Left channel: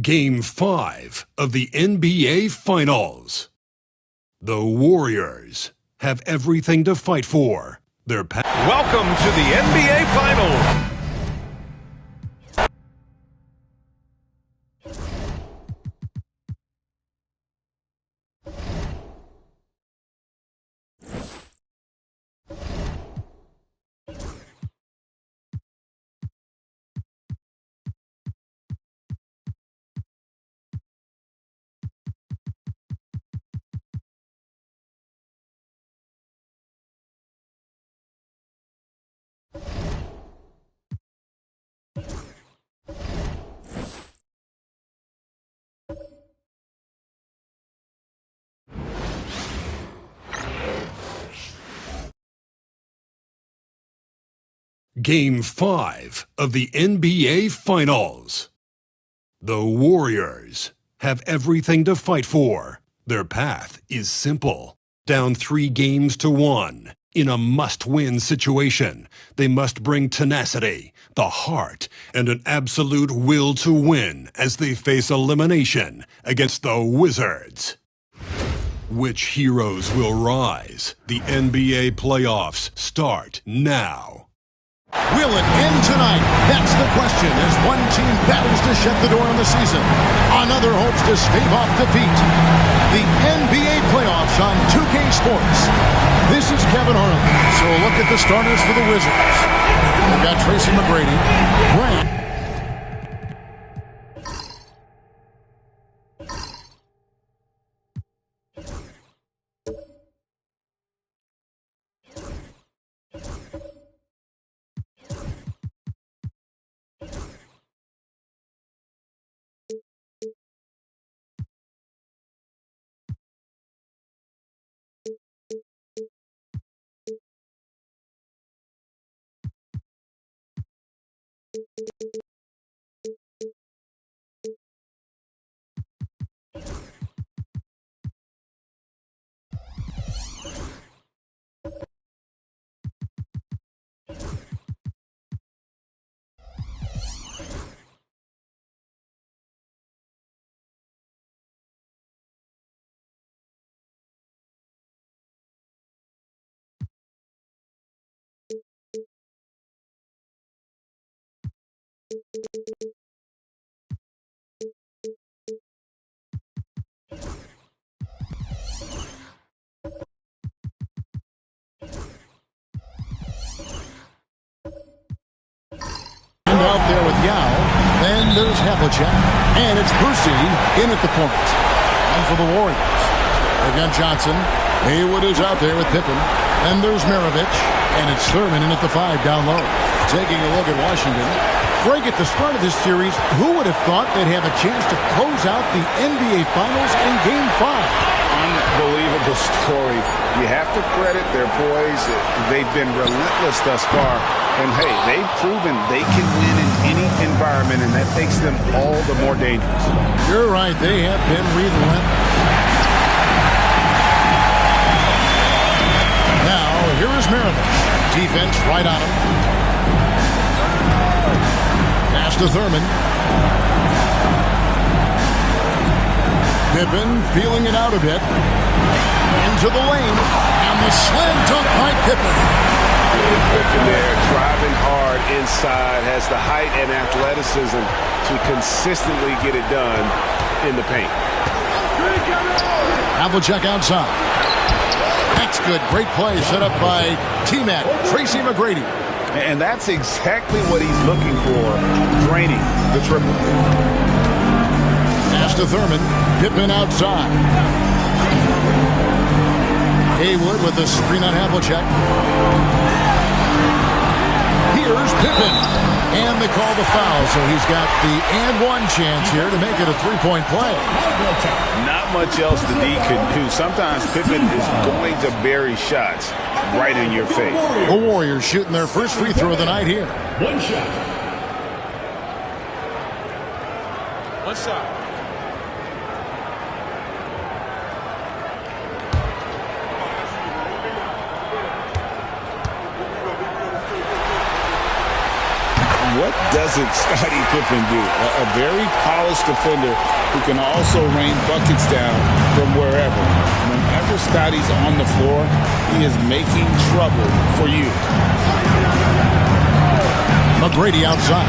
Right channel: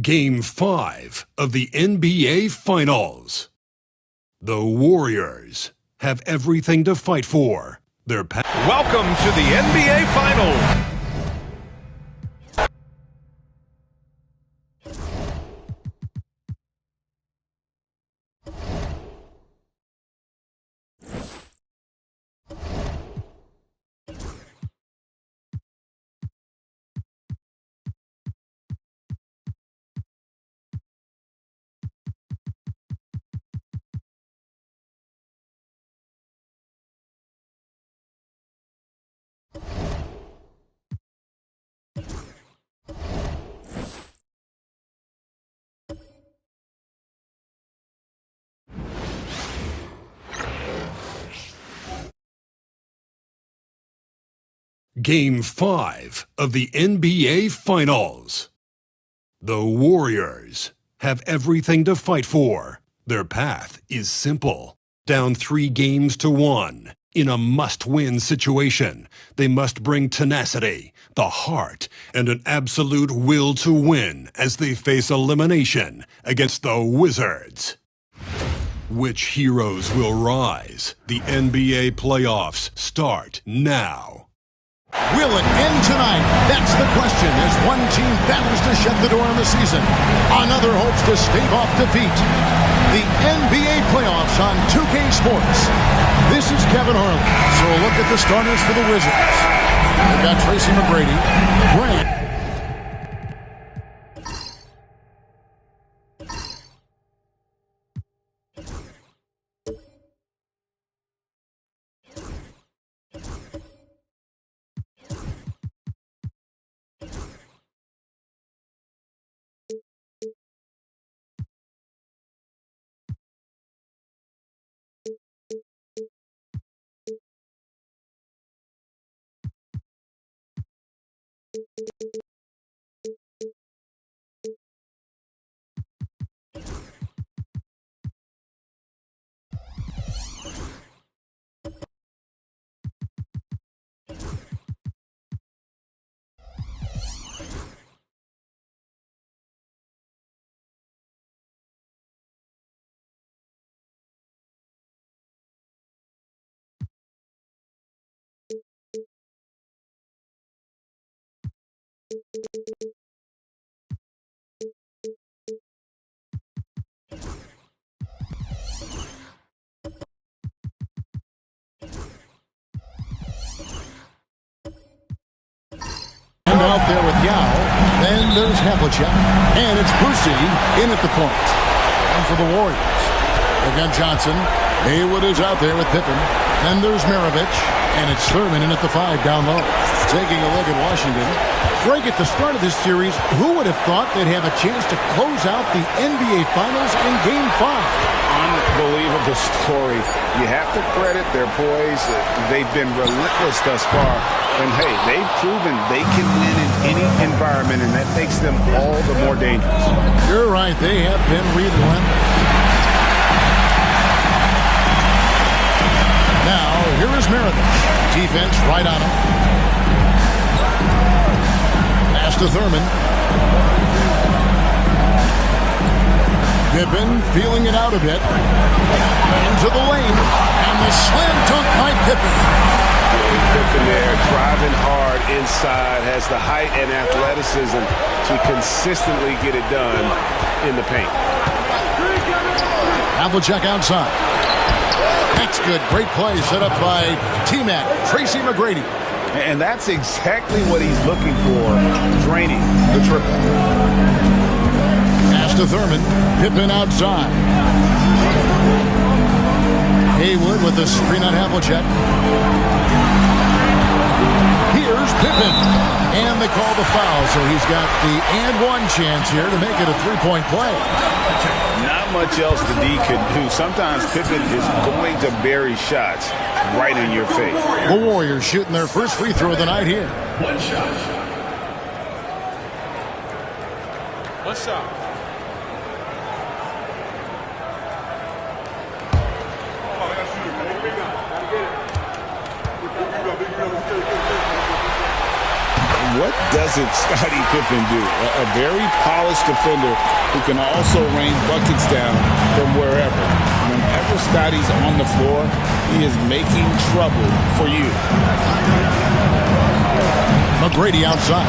Game 5 of the NBA Finals. The Warriors have everything to fight for. Welcome to the NBA Finals. Game 5 of the NBA Finals. The Warriors have everything to fight for. Their path is simple. Down 3-1 in a must-win situation. They must bring tenacity, the heart, and an absolute will to win as they face elimination against the Wizards. Which heroes will rise? The NBA playoffs start now. Will it end tonight? That's the question as one team battles to shut the door on the season. Another hopes to stave off defeat. The NBA playoffs on 2K Sports. This is Kevin Harlan. So a look at the starters for the Wizards. They've got Tracy McGrady, Grant. And out there with Yao. Then there's Havlicek. And it's Brucey in at the point. And for the Warriors, they've got Johnson. Haywood is out there with Pippen. And there's Maravich. And it's Thurman in at the 5 down low. Taking a look at Washington. Greg, at the start of this series, who would have thought they'd have a chance to close out the NBA Finals in Game 5? Unbelievable story. You have to credit their poise. They've been relentless thus far. And, hey, they've proven they can win in any environment, and that makes them all the more dangerous. You're right. They have been relentless. Now, here is Maravich. Defense right on him. Pass to Thurman. Pippen feeling it out a bit. Into the lane. And the slam dunk by Pippen. Pippen there, driving hard inside, has the height and athleticism to consistently get it done in the paint. Havlicek outside. That's good. Great play set up by T-Mac, Tracy McGrady. And that's exactly what he's looking for, draining the triple. Pass to Thurman. Pippen outside. Haywood with the screen on Havlicek. Here's Pippen. And they call the foul, so he's got the and one chance here to make it a three-point play. Not much else the D could do. Sometimes Pippen is going to bury shots right in your face. The Warriors shooting their first free throw of the night here. One shot. One shot. what doesn't Scottie Pippen do? A very polished defender who can also rain buckets down from wherever. Whenever Scottie's on the floor, he is making trouble for you. McGrady outside.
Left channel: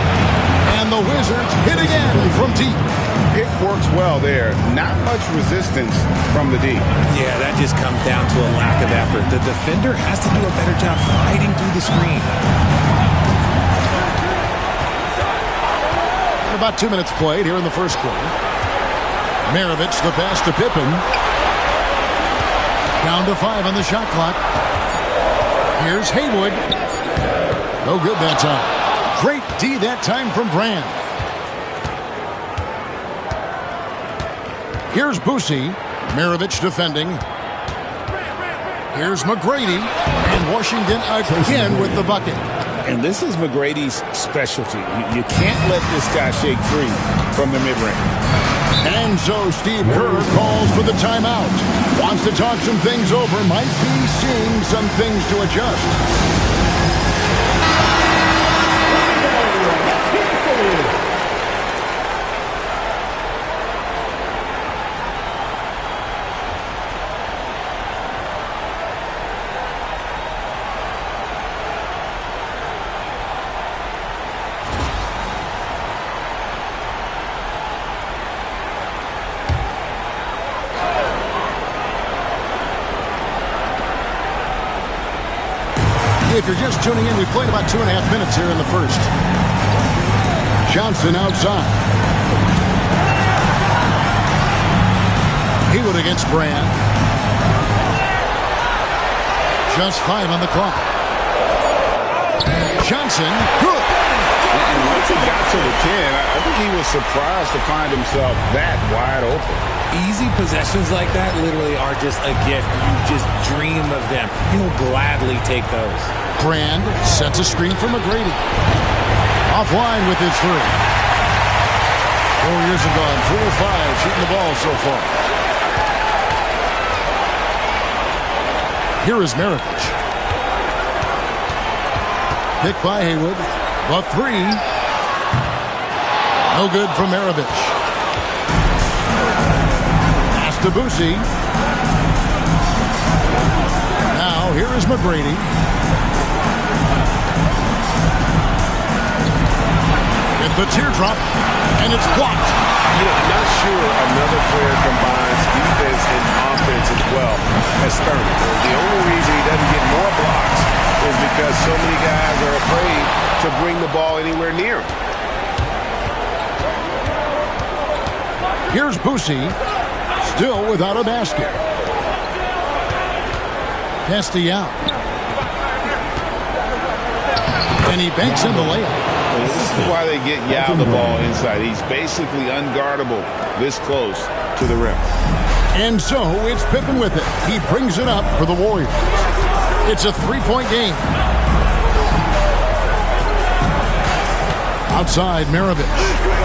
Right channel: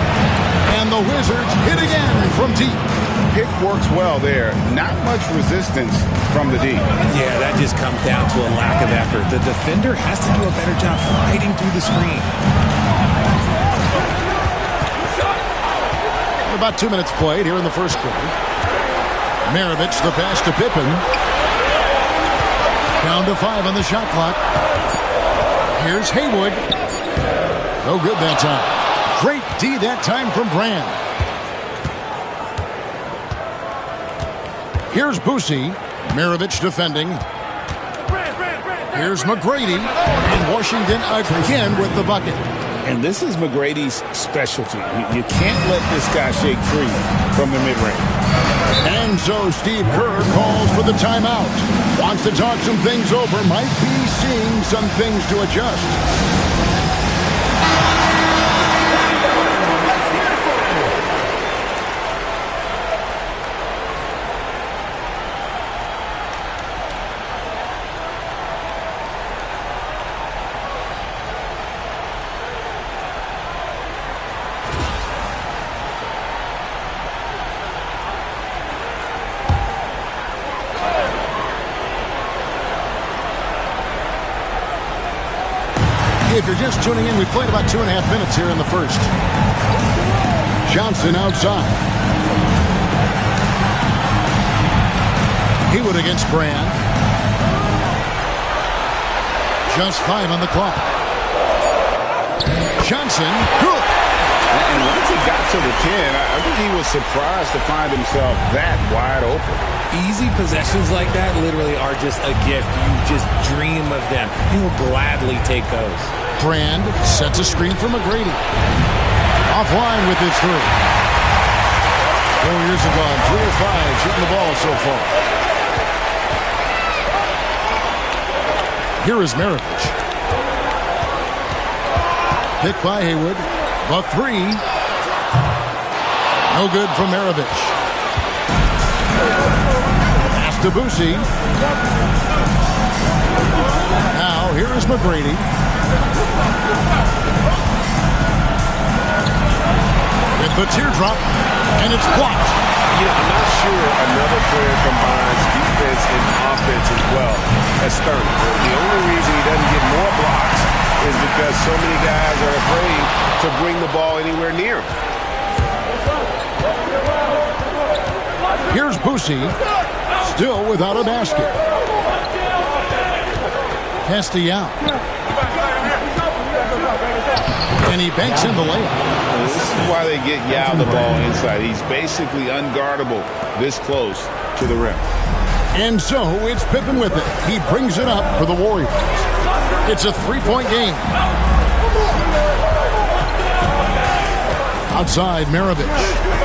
And the Wizards hit again from deep. Pick works well there. Not much resistance from the deep. Yeah, that just comes down to a lack of effort. The defender has to do a better job fighting through the screen. And about 2 minutes played here in the first quarter. Maravich, the pass to Pippen. Down to 5 on the shot clock. Here's Haywood. No good that time. Great D that time from Brand. Here's Boosie. Maravich defending. Here's McGrady. And Washington again with the bucket. And this is McGrady's specialty. You can't let this guy shake free from the mid-range. And so Steve Kerr calls for the timeout. Wants to talk some things over. Might be seeing some things to adjust. If you're just tuning in, we played about 2.5 minutes here in the first. Johnson outside. Haywood against Brand. Just 5 on the clock. Johnson, good. And once he got to the 10, I think he was surprised to find himself that wide open. Easy possessions like that literally are just a gift. You just dream of them. He'll gladly take those. Brand sets a screen for McGrady. Offline with his 3. Warriors have gone 3 of 5 shooting the ball so far. Here is Maravich. Picked by Haywood. The 3. No good from Maravich. Pass to Boosie. Now here is McGrady. With the teardrop, and it's blocked. You know, I'm not sure another player combines defense and offense as well as Thurman. The only reason he doesn't get more blocks is because so many guys are afraid to bring the ball anywhere near him. Here's Boosie, still without a basket. Pass to Yao. And he banks in the layup. This is why they get Yao the ball inside. He's basically unguardable this close to the rim. And so it's Pippen with it. He brings it up for the Warriors. It's a 3-point game. Outside, Maravich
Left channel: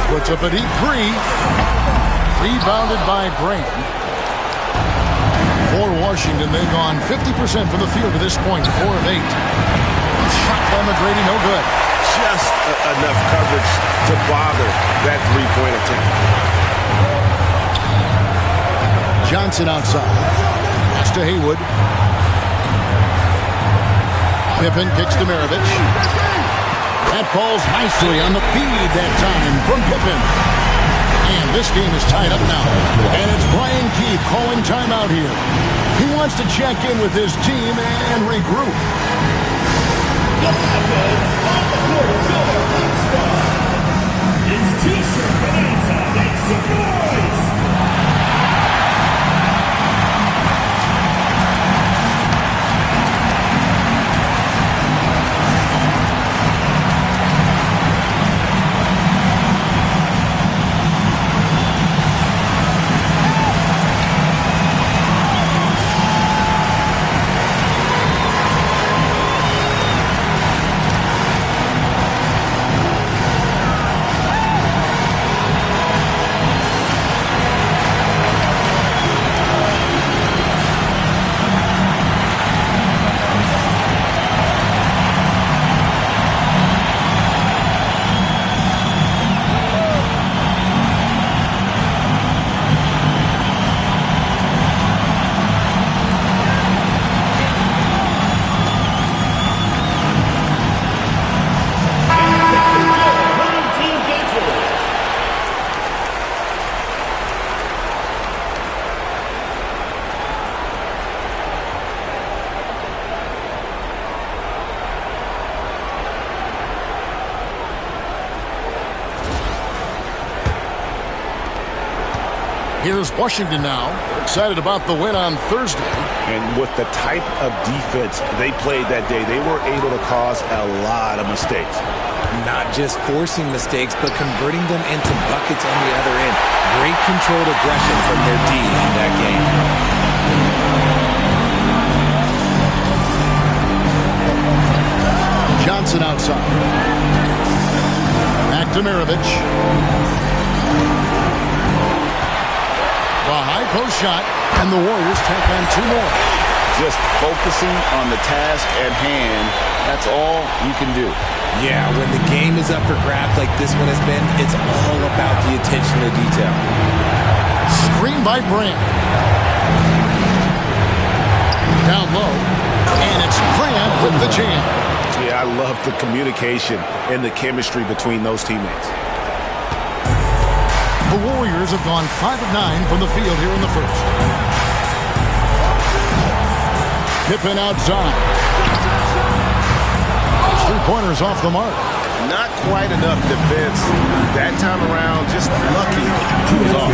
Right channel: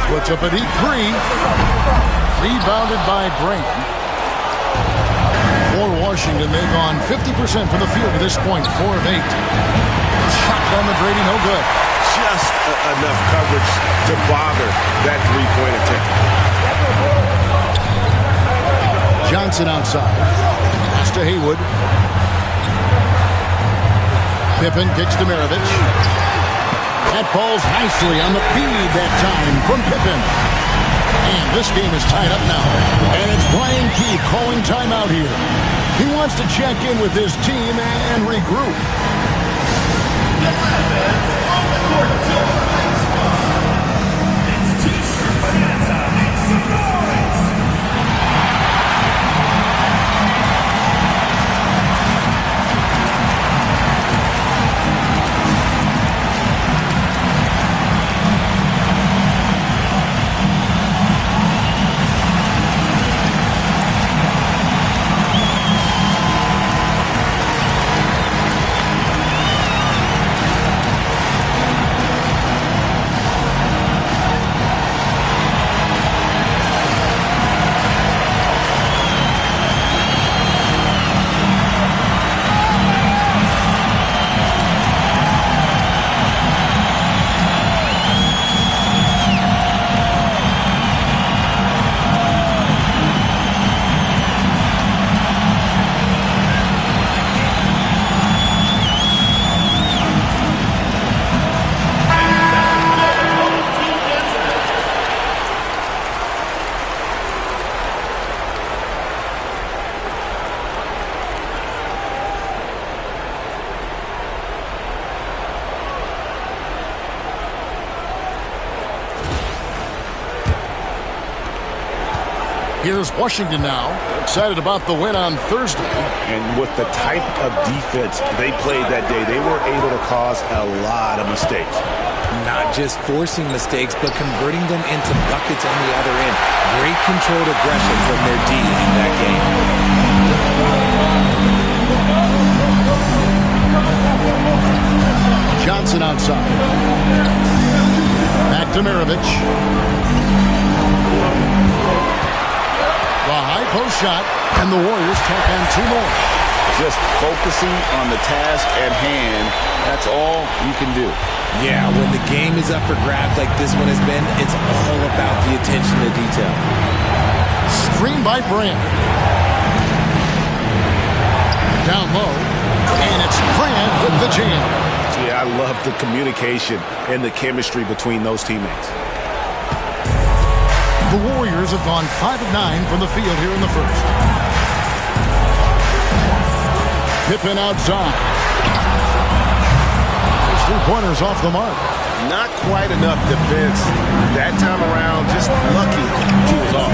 puts up a deep 3. Rebounded by Brand. For Washington, they've gone 50% from the field to this point, 4 of 8. Shot by McGrady, no good. Just enough coverage to bother that three-point attempt. Johnson outside. Pass to Haywood. Pippen kicks to Maravich. That falls nicely on the feed that time from Pippen. And this game is tied up now. And it's Brian Keefe calling timeout here. He wants to check in with his team and regroup. It's T-shirt bonanza. Make some noise. Here's Washington now. They're excited about the win on Thursday. And with the type of defense they played that day, they were able to cause a lot of mistakes. Not just forcing mistakes, but converting them into buckets on the other end. Great controlled aggression from their D in that game. Johnson outside. Back to Maravich. The high post shot, and the Warriors tack on 2 more. Just focusing on the task at hand, that's all you can do. Yeah, when the game is up for grabs like this one has been, it's all about the attention to detail. Screen by Brand. Down low, and it's Brand with the jam. Yeah, I love the communication and the chemistry between those teammates. The Warriors have gone 5 of 9 from the field here in the first. Pippen outside. His 3-pointers off the mark. Not quite enough defense that time around. Just lucky he was off.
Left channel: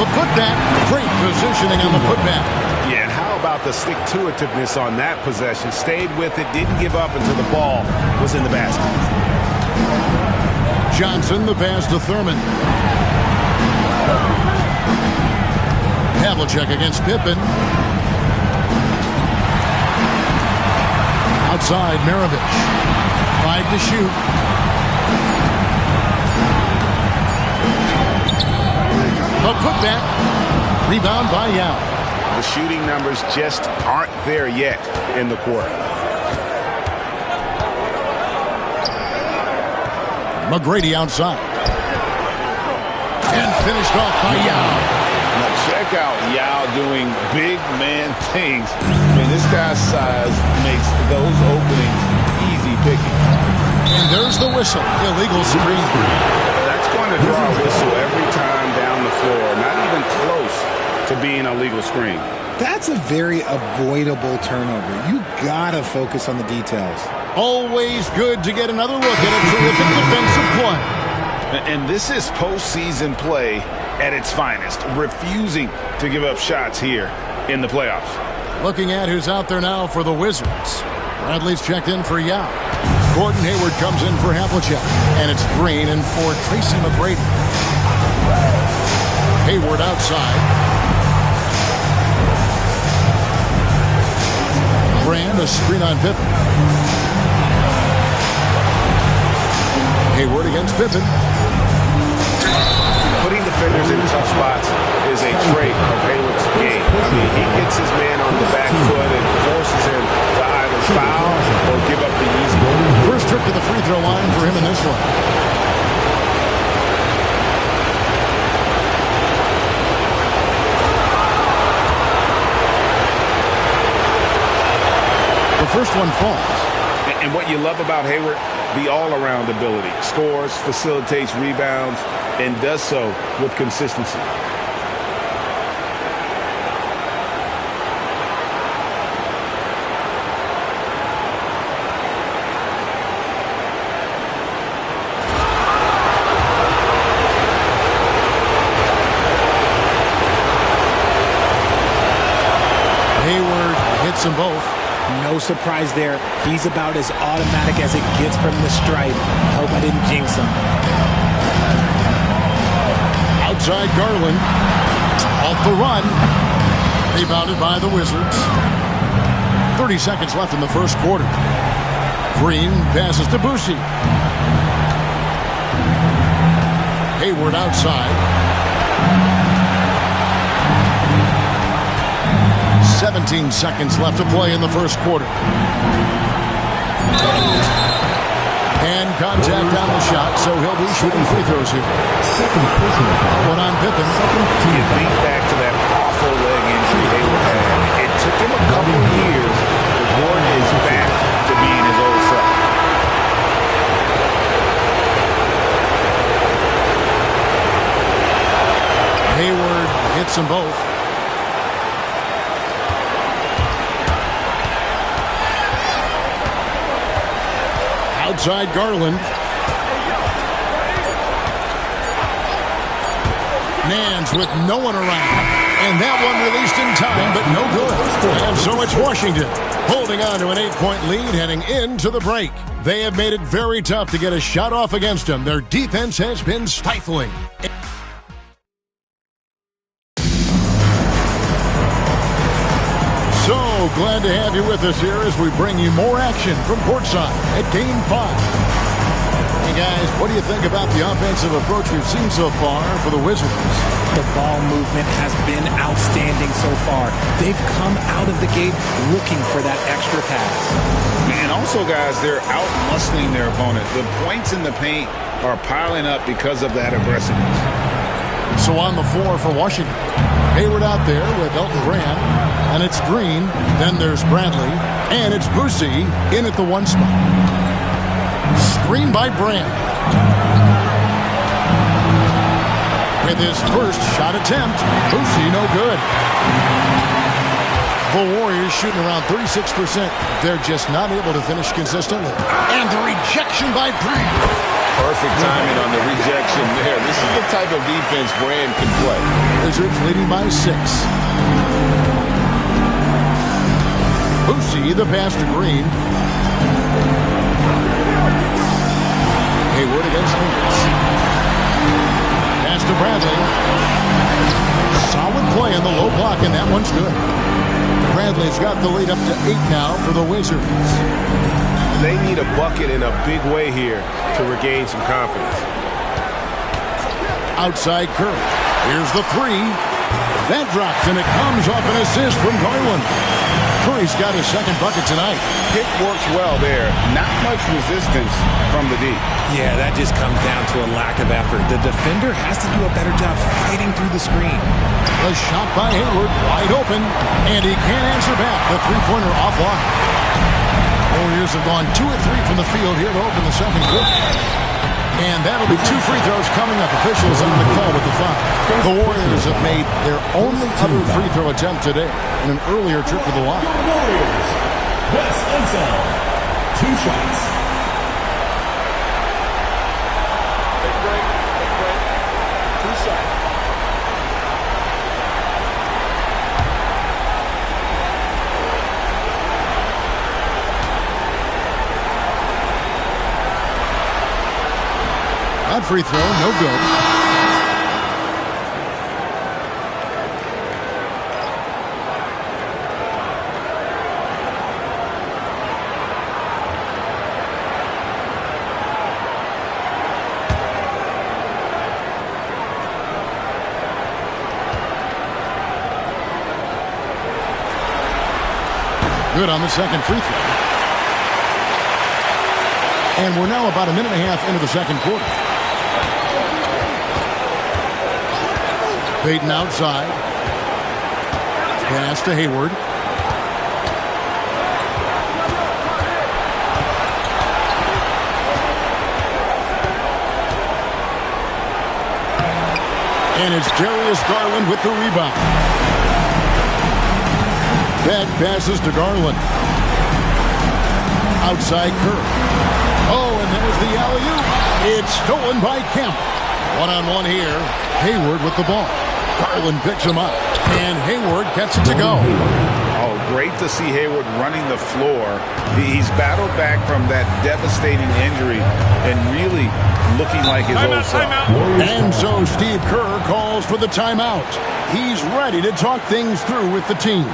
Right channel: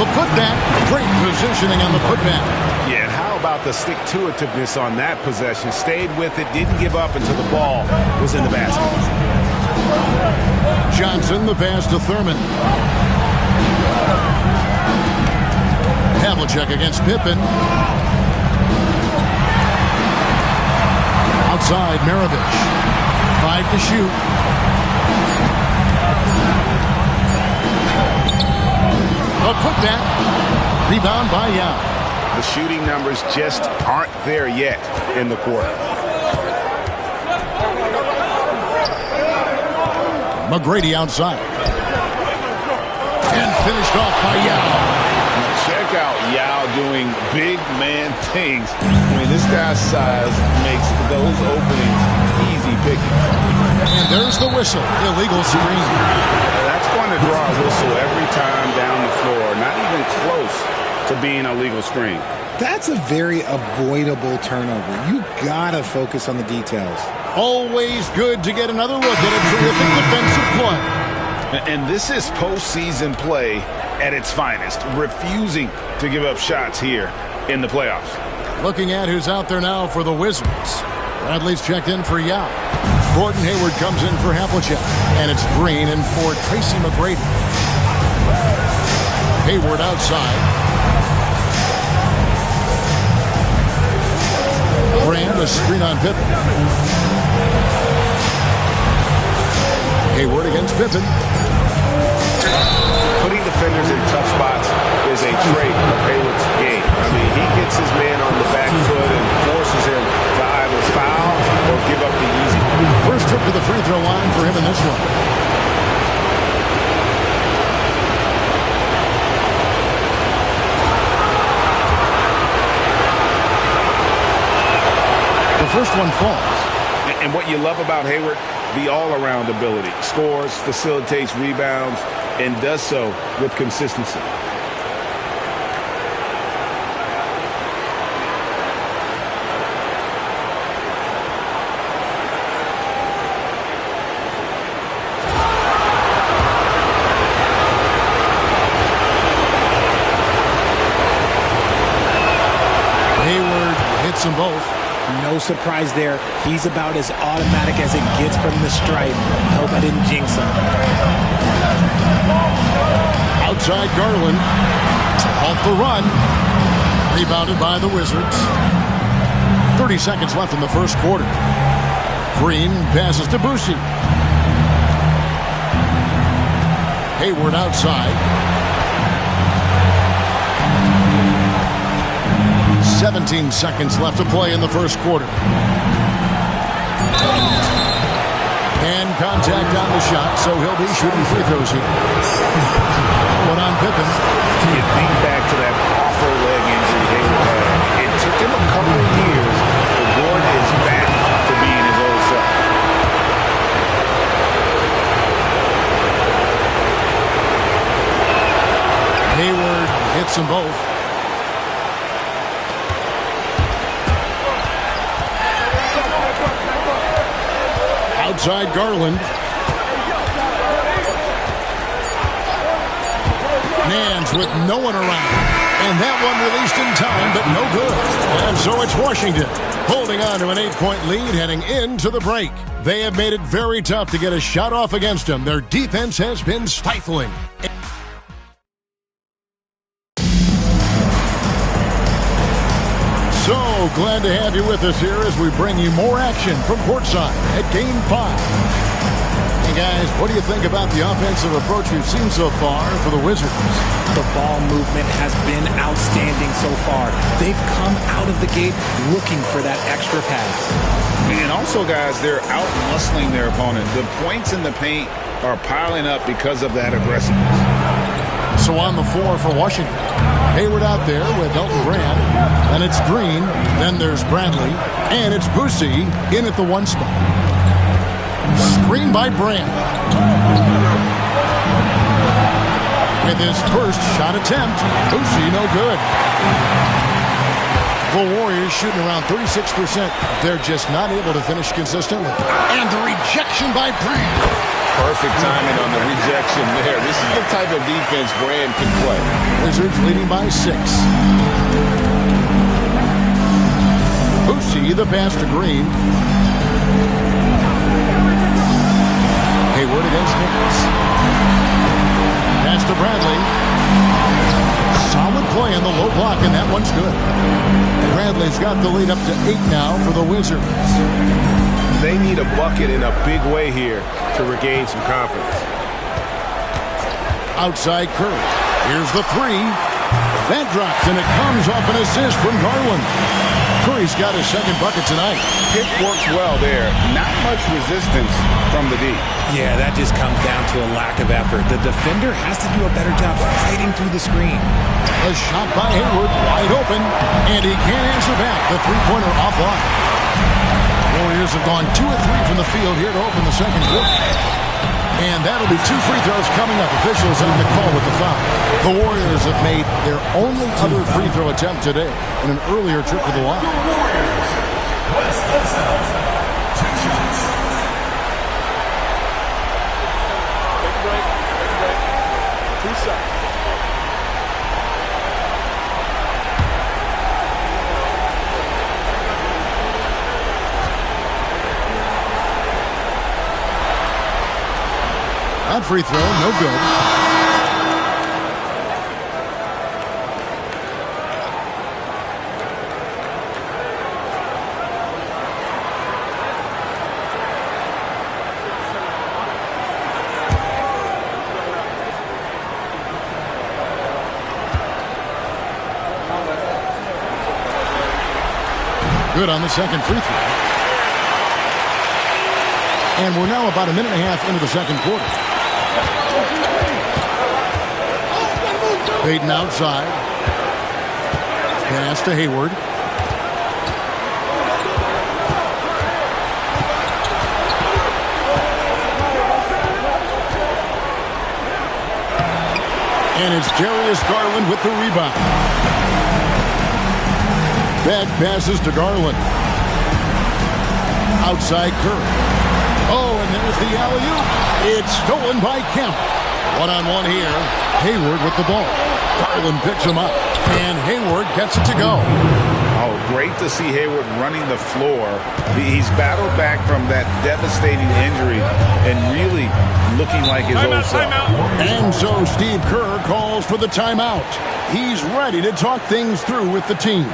The putback. Great positioning on the putback. Yeah, and how about the stick-to-itiveness on that possession? Stayed with it, didn't give up until the ball was in the basket. Johnson, the pass to Thurman. Havlicek against Pippen. Outside, Maravich. 5 to shoot. A putback. Rebound by Yao. The shooting numbers just aren't there yet in the quarter. McGrady outside. And finished off by Yao. Now check out Yao doing big man things. I mean, this guy's size makes those openings easy picking. And there's the whistle. Illegal screen. That's going to draw a whistle every time down the floor. Not even close to being a legal screen. That's a very avoidable turnover. You gotta focus on the details. Always good to get another look at a terrific defensive play. And this is postseason play at its finest, refusing to give up shots here in the playoffs. Looking at who's out there now for the Wizards. Bradley's checked in for Yao. Gordon Hayward comes in for Havlicek. And it's Green in for Tracy McGrady. Hayward outside. Brand, a screen on Pippen. Hayward against Pippen. Putting defenders in tough spots is a trait of Hayward's game. I mean, he gets his man on the back foot and forces him to either foul or give up the easy one. First trip to the free throw line for him in this one. The first one falls. And what you love about Hayward, the all-around ability. Scores, facilitates rebounds, and does so with consistency. Hayward hits them both. No surprise there. He's about as automatic as it gets from the stripe. I hope I didn't jinx him. Outside Garland. Halt the run. Rebounded by the Wizards. 30 seconds left in the first quarter. Green passes to Boucy. Hayward outside. 17 seconds left to play in the first quarter. And contact on the shot, so he'll be shooting free throws here. One on Pippen. You think back to that awful leg injury Hayward had. It took him a couple of years, but Gordon is back to being his old self. Hayward hits them both. Outside Garland. Nance with no one around. And that one released in time, but no good. And so it's Washington holding on to an 8-point lead heading into the break. They have made it very tough to get a shot off against them. Their defense has been stifling. So glad to have you with us here as we bring you more action from courtside at Game 5. Hey guys, what do you think about the offensive approach we've seen so far for the Wizards? The ball movement has been outstanding so far. They've come out of the gate looking for that extra pass. And also, guys, they're out-muscling their opponent. The points in the paint are piling up because of that aggressiveness. So on the floor for Washington, Hayward out there with Elton Brand, and it's Green, then there's Bradley, and it's Boosie in at the 1 spot. Screen by Brand. With his first shot attempt, Boosie no good. The Warriors shooting around 36%. They're just not able to finish consistently. And the rejection by Brand. Perfect timing on the rejection there. This is the type of defense Brand can play. Wizards leading by 6. Boosie, the pass to Green. Hayward against Nance. Pass to Bradley. Solid play in the low block, and that one's good. Bradley's got the lead up to 8 now for the Wizards. They need a bucket in a big way here to regain some confidence. Outside Curry. Here's the 3. That drops, and it comes off an assist from Garland. Curry's got his second bucket tonight. Pick works well there. Not much resistance from the D. Yeah, that just comes down to a lack of effort. The defender has to do a better job fighting through the screen. A shot by Hayward, wide open, and he can't answer back. The three-pointer offline. Warriors have gone 2 of 3 from the field here to open the second quarter. And that'll be 2 free throws coming up. Officials on the call with the foul. The Warriors have made their only other free throw attempt today in an earlier trip to the line. Warriors, Wes Unseld, 2 shots. Take a break. Take a break. 2 shots. That free throw, no good. Good on the second free throw. And we're now about a minute and a half into the second quarter. Payton outside. Pass to Hayward. And it's Darius Garland with the rebound. Back passes to Garland. Outside Curry. Oh, and there's the alley-oop. It's stolen by Kemp. One-on-one here. Hayward with the ball. Garland picks him up, and Hayward gets it to go. Oh, great to see Hayward running the floor. He's battled back from that devastating injury and really looking like his old self. And so Steve Kerr calls for the timeout. He's ready to talk things through with the team.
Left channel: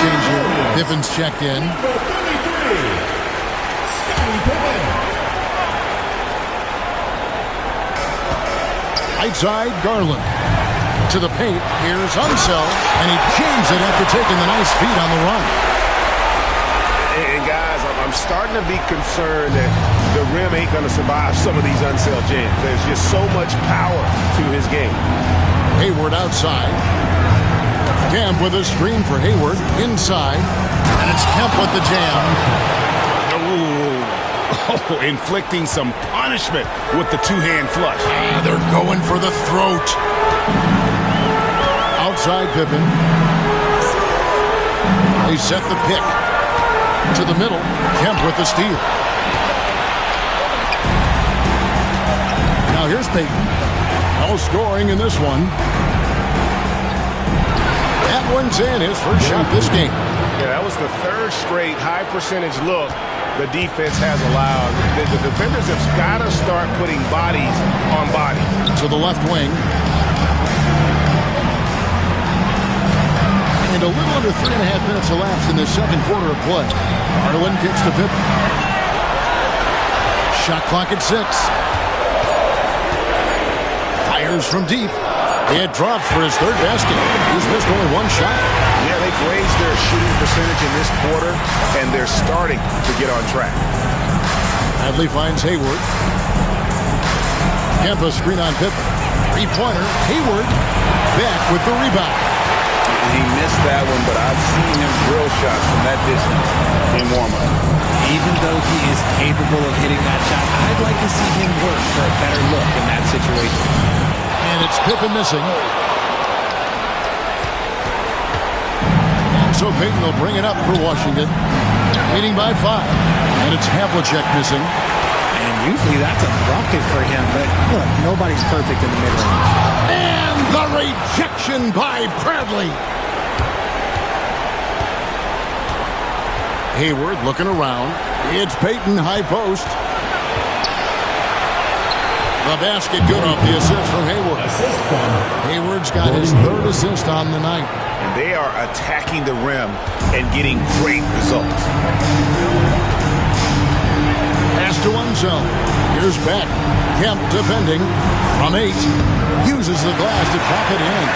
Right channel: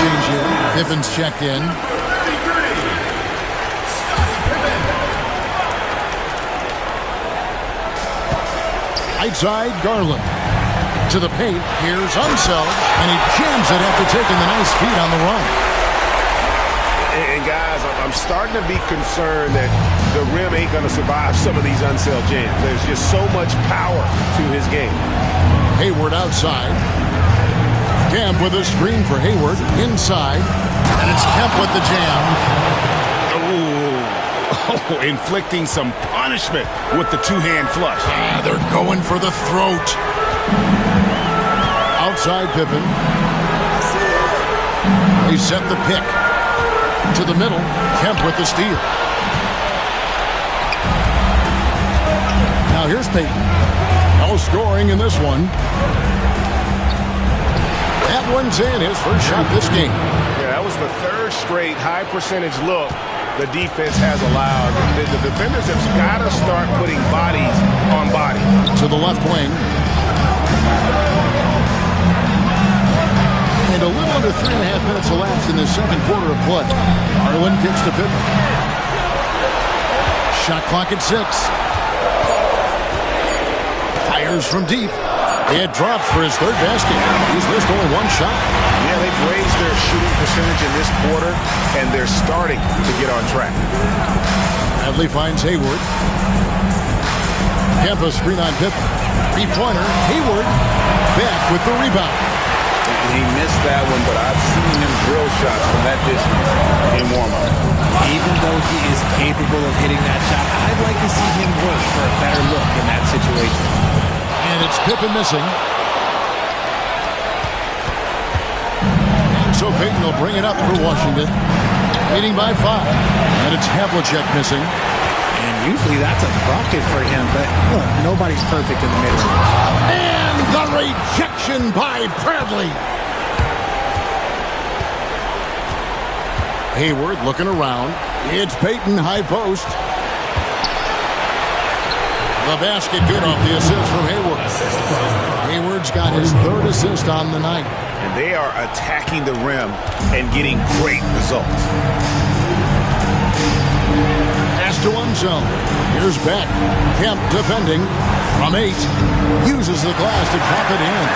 Change here. Pippen's checked in. Right side, Garland. To the paint. Here's Unseld, and he jams it after taking the nice feed on the run. And guys, I'm starting to be concerned that the rim ain't going to survive some of these Unseld jams. There's just so much power to his game. Hayward outside. Kemp with a screen for Hayward. Inside. And it's Kemp with the jam. Oh, inflicting some punishment with the two-hand flush. They're going for the throat. Outside Pippen. They set the pick. To the middle. Kemp with the steal. Now here's Peyton. No scoring in this one. That one's in, his first shot this game. Yeah, that was the third straight high percentage look the defense has allowed. The defenders have got to start putting bodies on bodies. To the left wing. And a little under 3.5 minutes elapsed in the second quarter of play. Garland kicks to Pippen. Shot clock at 6. Fires from deep. He had dropped for his third basket. He's missed only one shot. Yeah, they've raised their shooting percentage in this quarter, and they're starting to get on track. Bradley finds Hayward. Kemp a screen on Pippen. Three-pointer. Hayward back with the rebound. He missed that one, but I've seen him drill shots from that distance in warm-up. Even though he is capable of hitting that shot, I'd like to see him work for a better look in that situation. And it's Pippen missing. And so Peyton will bring it up for Washington. Leading by 5. And it's Havlicek missing. And usually that's a bucket for him, but look, nobody's perfect in the mid-range. And the rejection by Bradley. Hayward looking around. It's Peyton, high post. The basket good off the assist from Hayward. Hayward's got his third assist on the night. And they are attacking the rim and getting great results. Pass to one zone. Here's Beck. Kemp defending from 8. Uses the glass to drop it in.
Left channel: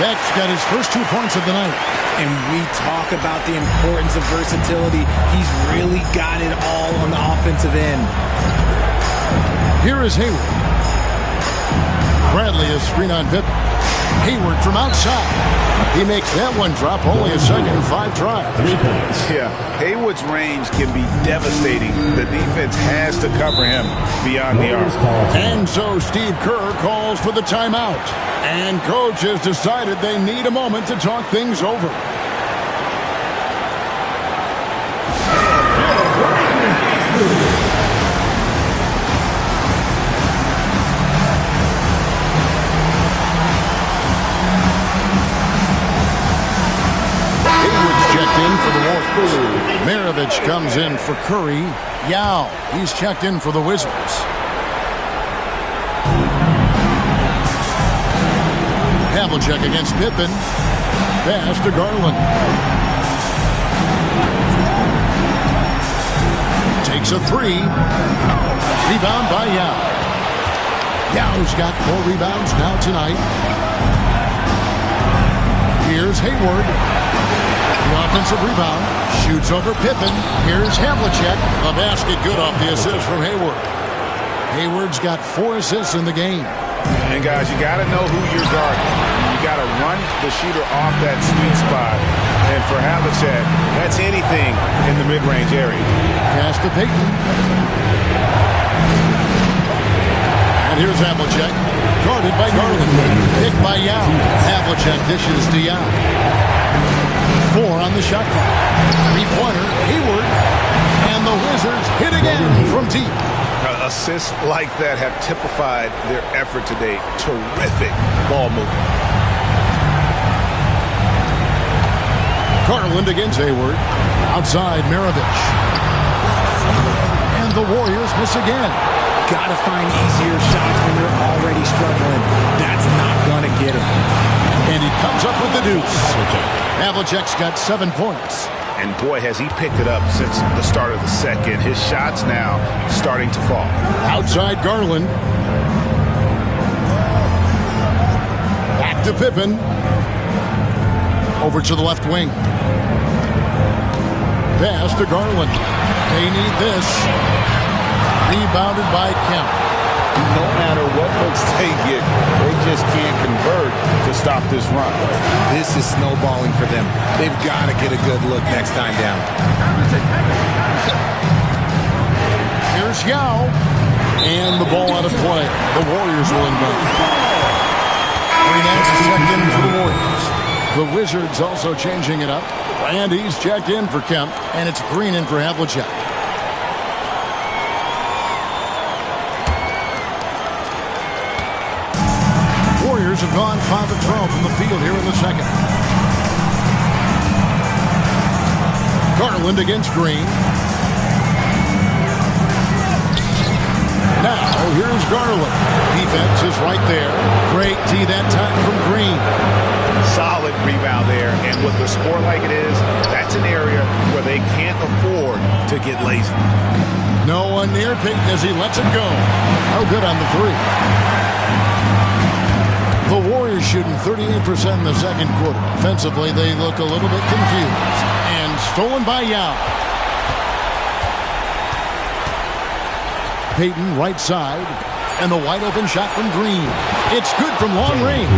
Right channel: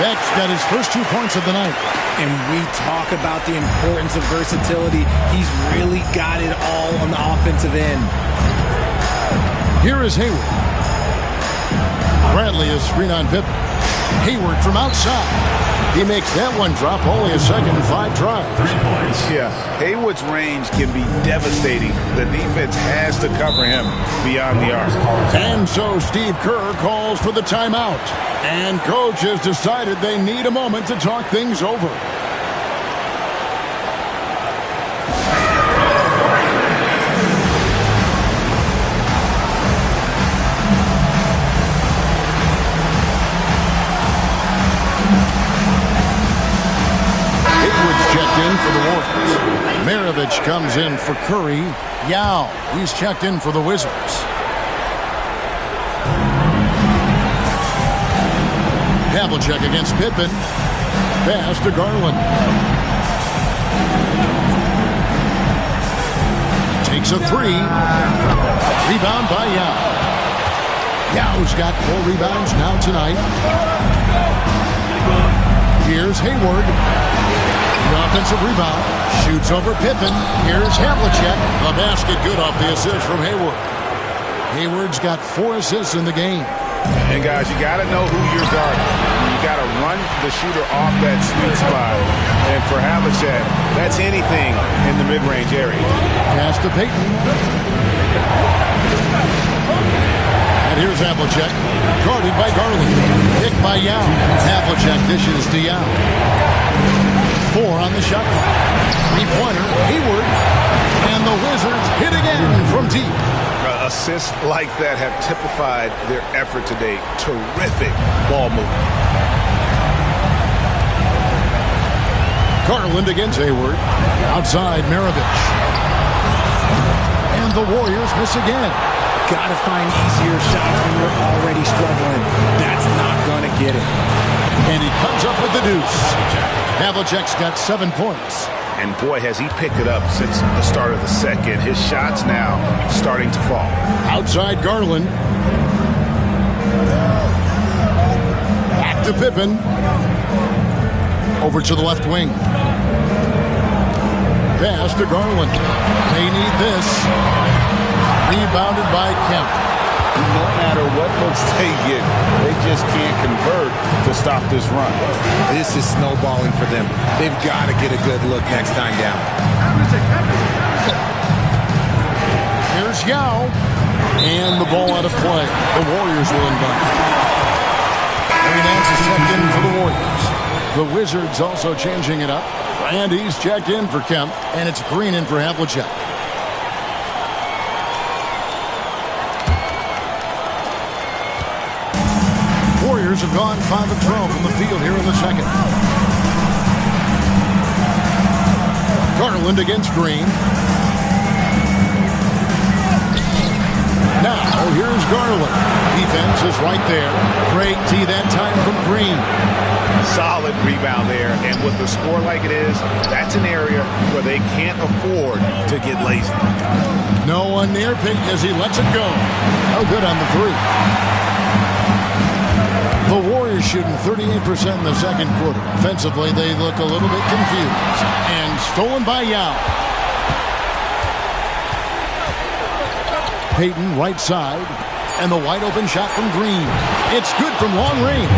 Beck's got his first 2 points of the night. And we talk about the importance of versatility. He's really got it all on the offensive end. Here is Hayward. Bradley is screen on Pippen. Hayward from outside. He makes that one drop, only a second, 5 tries. 3 points. Yeah, Hayward's range can be devastating. The defense has to cover him beyond the arc. And so Steve Kerr calls for the timeout. And coach has decided they need a moment to talk things over. Checked in for the Warriors. Maravich comes in for Curry. Yao, he's checked in for the Wizards. Havlicek against Pippen. Pass to Garland. Takes a 3. Rebound by Yao. Yao's got 4 rebounds now tonight. Here's Hayward. The offensive rebound. Shoots over Pippen. Here's Havlicek. The basket good off the assist from Hayward. Hayward's got 4 assists in the game. And guys, you got to know who you're guarding. You got to run the shooter off that sweet spot. And for Havlicek, that's anything in the mid-range area. Pass to Peyton. And here's Havlicek. Guarded by Garland. Picked by Yao. Havlicek dishes to Yao. 4 on the shot clock. 3-pointer, Hayward. And the Wizards hit again from deep. Assists like that have typified their effort today. Terrific ball movement. Garland against Hayward. Outside, Maravich. And the Warriors miss again. Got to find easier shots when you're already struggling. That's not going to get it. And he comes up with the deuce. Havlicek's got 7 points. And boy, has he picked it up since the start of the second. His shots now starting to fall. Outside Garland. Back to Pippen. Over to the left wing. Pass to Garland. They need this. Rebounded by Kemp. No matter what looks they get, they just can't convert to stop this run. This is snowballing for them. They've got to get a good look next time down. Here's Yao. And the ball out of play. The Warriors will inbound. Larry Nance is checked in for the Warriors. The Wizards also changing it up. Randy's checked in for Kemp. And it's Green in for Havlicek. Warriors have gone 5 of 12 from the field here in the second. Garland against Green. Now, here's Garland. Defense is right there. Great tee that time from Green. Solid rebound there, and with the score like it is, that's an area where they can't afford to get lazy. No one near Peyton as he lets it go. No good on the three. The Warriors shooting 38% in the second quarter. Offensively, they look a little bit confused. And stolen by Yao. Peyton right side. And the wide open shot from Green. It's good from long range.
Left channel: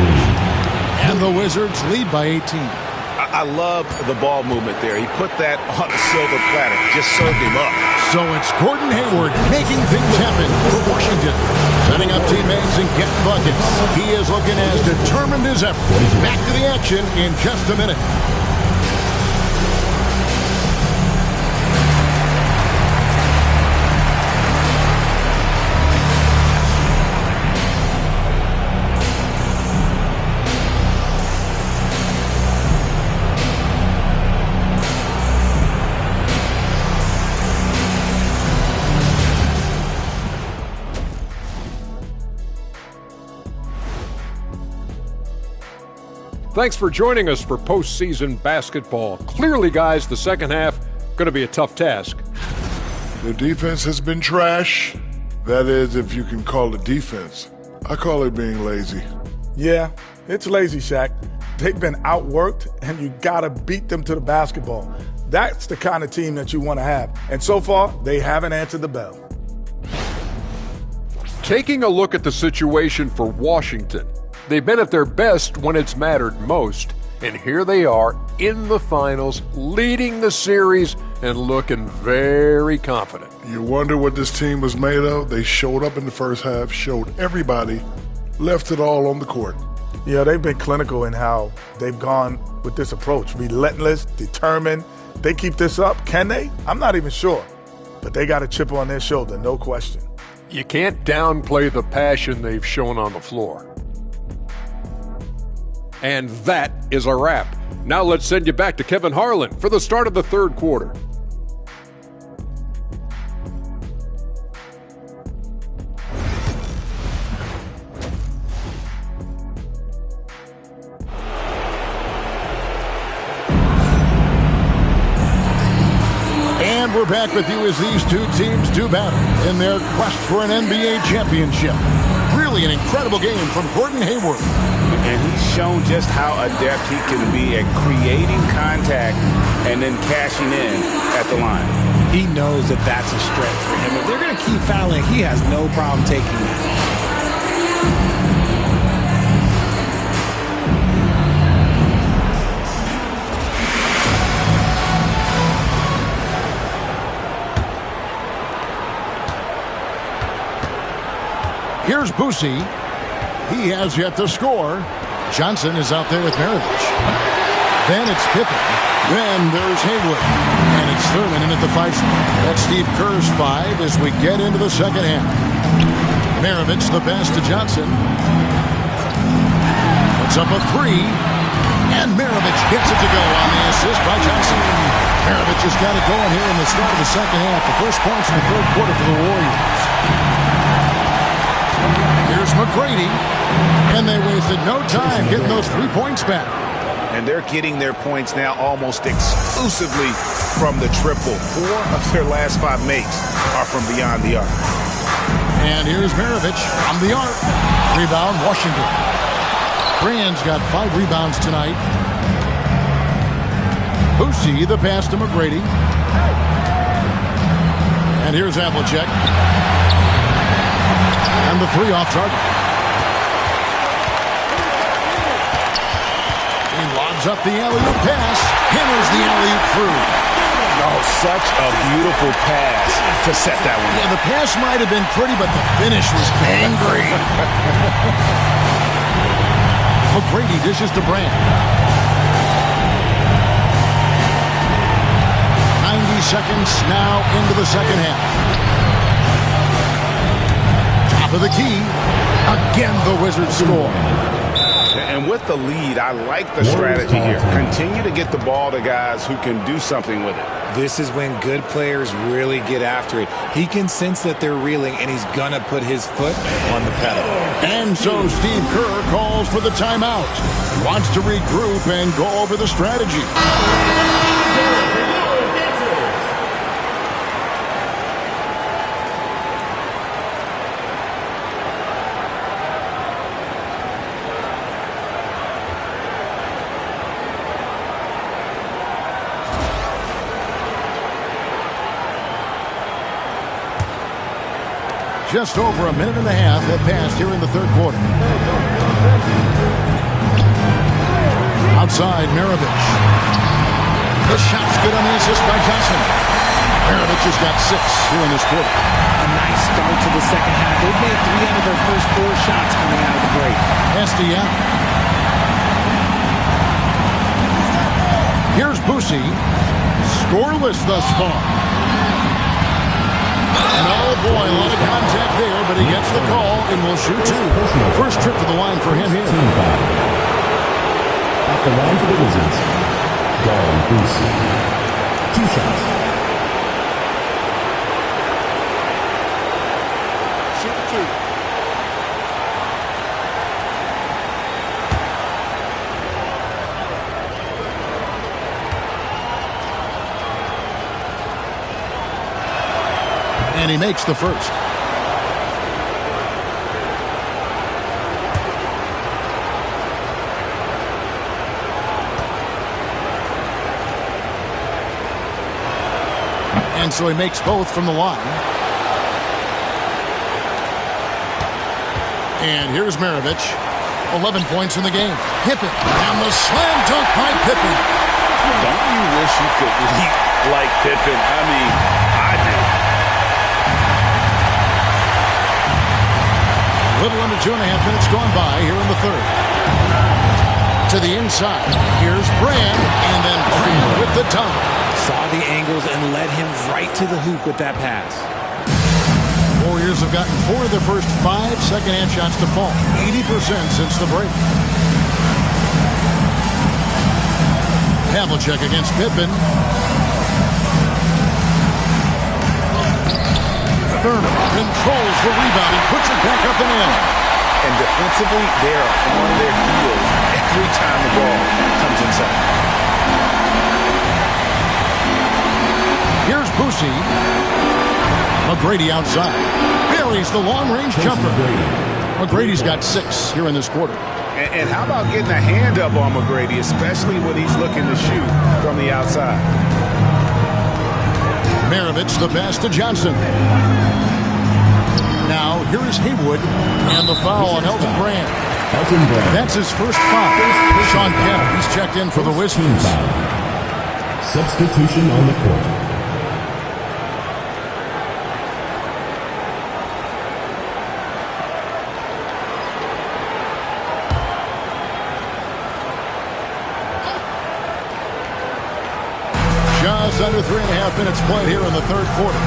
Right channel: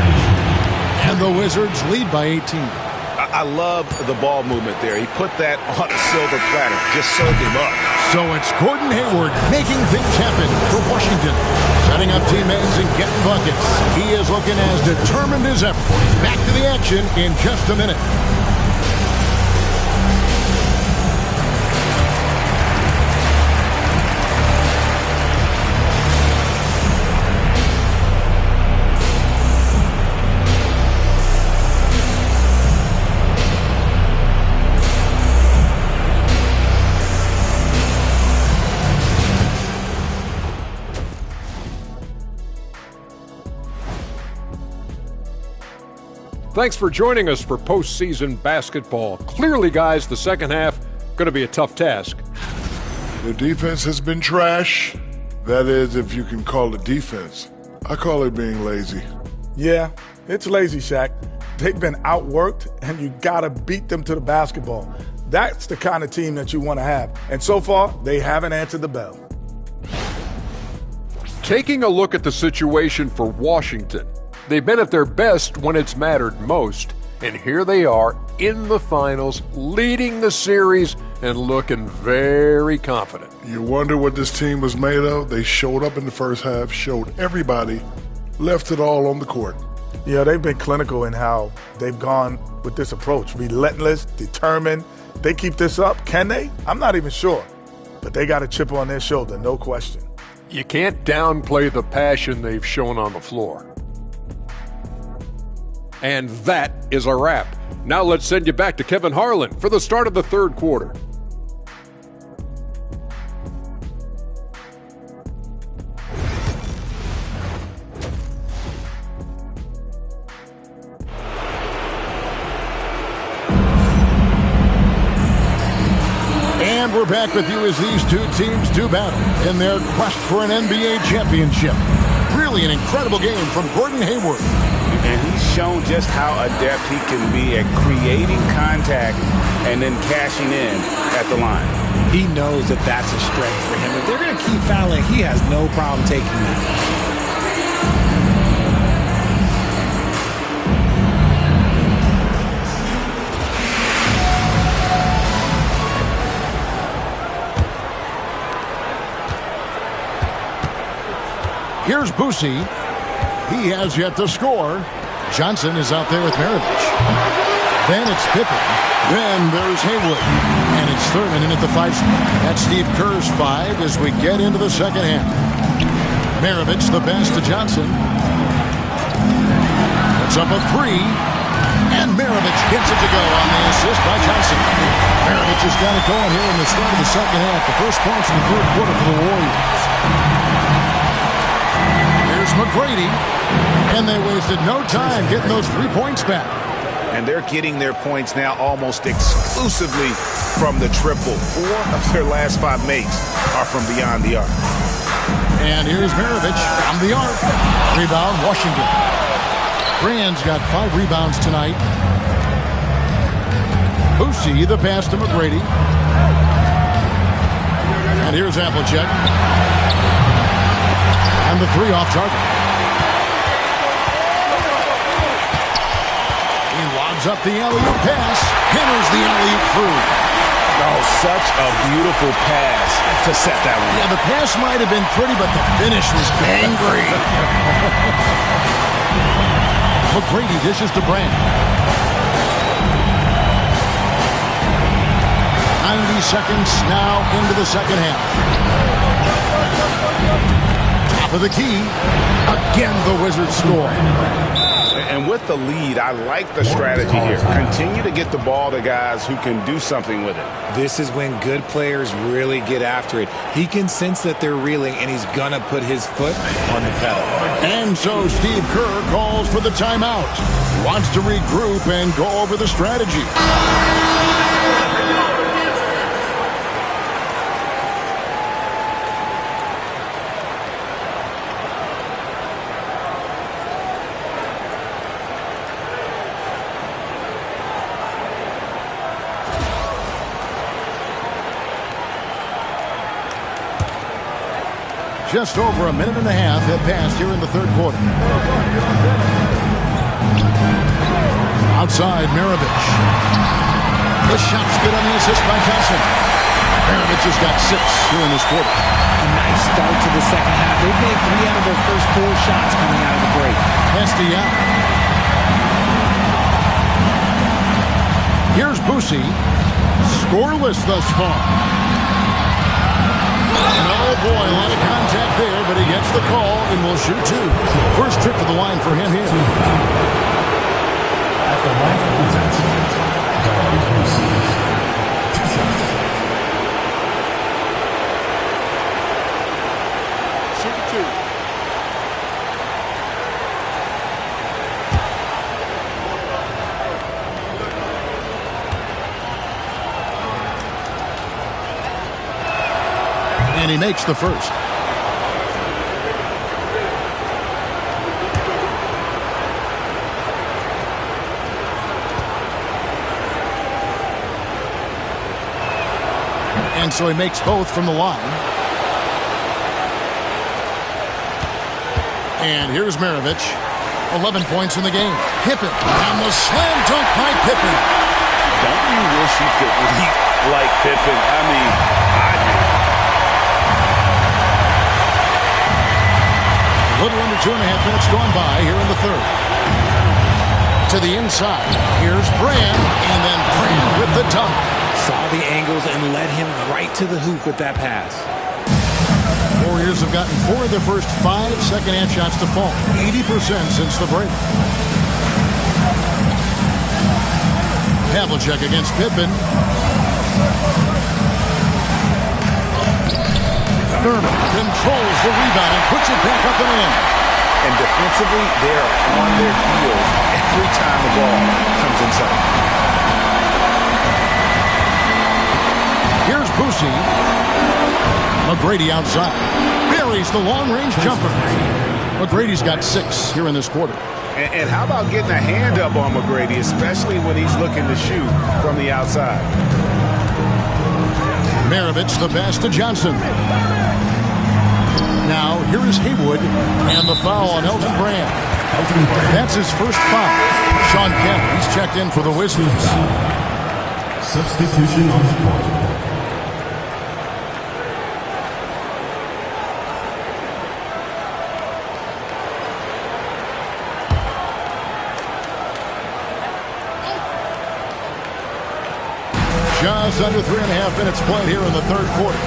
And the Wizards lead by 18. I love the ball movement there. He put that on a silver platter. Just served him up. So it's Gordon Hayward making things happen for Washington. Setting up teammates and getting buckets. He is looking as determined as ever. Back to the action in just a minute. Thanks for joining us for postseason basketball. Clearly, guys, the second half going to be a tough task. The defense has been trash. That is, if you can call it defense. I call it being lazy. Yeah, it's lazy, Shaq. They've been outworked, and you got to beat them to the basketball. That's the kind of team that you want to have. And so far, they haven't answered the bell. Taking a look at the situation for Washington, they've been at their best when it's mattered most, and here they are in the finals, leading the series and looking very confident. You wonder what this team was made of? They showed up in the first half, showed everybody, left it all on the court. Yeah, they've been clinical in how they've gone with this approach. Relentless, determined. They keep this up. Can they? I'm not even sure. But they got a chip on their shoulder, no question. You can't downplay the passion they've shown on the floor. And that is a wrap. Now let's send you back to Kevin Harlan for the start of the third quarter. And we're back with you as these two teams do battle in their quest for an NBA championship. Really an incredible game from Gordon Hayward. And he's shown just how adept he can be at creating contact and then cashing in at the line. He knows that that's a strength for him. If they're going to keep fouling, he has no problem taking that. Here's Boosie. He has yet to score. Johnson is out there with Maravich. Then it's Pippen. Then there's Haywood. And it's Thurman in at the 5 spot. That's Steve Kerr's 5 as we get into the second half. Maravich the pass to Johnson. Puts up a 3. And Maravich gets it to go on the assist by Johnson. Maravich has got it going here in the start of the second half. The first points in the third quarter for the Warriors. Here's McGrady. And they wasted no time getting those 3 points back. And they're getting their points now almost exclusively from the triple. 4 of their last 5 makes are from beyond the arc. And here's Maravich from the arc. Rebound, Washington. Brand's got 5 rebounds tonight. Boosie, the pass to McGrady. And here's Havlicek. And the 3 off target. He lobs up the alley-oop pass. Hammers the alley-oop through. Oh, such a beautiful pass to set that one. Yeah, the pass might have been pretty, but the finish was angry. McGrady dishes to Brand. 90 seconds now into the second half. Top of the key. Again, the Wizards score. And with the lead, I like the strategy here. Continue to get the ball to guys who can do something with it. This is when good players really get after it. He can sense that they're reeling, and he's going to put his foot on the pedal. And so Steve Kerr calls for the timeout. He wants to regroup and go over the strategy. Just over a minute and a half have passed here in the third quarter. Outside, Maravich. His shot's good on the assist by Johnson. Maravich has got 6 here in this quarter. A nice start to the second half. They've made 3 out of their first 4 shots coming out of the break. Estia. Here's Boosie. Scoreless thus far. And oh boy, a lot of contact there, but he gets the call and will shoot 2. First trip to the line for him here. At the line for the Wizards, Darren Boosie. 2 shots. Shoot 2. And he makes the first. And so he makes both from the line. And here's Maravich. 11 points in the game. Pippen. And the slam dunk by Pippen. Don't you wish you could leap like Pippen? I mean, I do. A little under 2.5 minutes gone by here in the third. To the inside. Here's Brand. And then Brand with the dunk. Saw the angles and led him right to the hoop with that pass. Warriors have gotten 4 of their first 5 second-hand shots to fall. 80% since the break. Havlicek against Pippen. Thurman controls the rebound and puts it back up and in. And defensively, they are on their heels every time the ball comes inside. Here's Boosie. McGrady outside. Buries the long-range jumper. McGrady's got 6 here in this quarter. And how about getting a hand up on McGrady, especially when he's looking to shoot from the outside? Maravich the pass to Johnson. Now, here is Haywood, and the foul on Elton Brand. That's his first foul. Sean Kemp, he's checked in for the Wizards. Substitution on the court. Just under 3.5 minutes played here in the third quarter.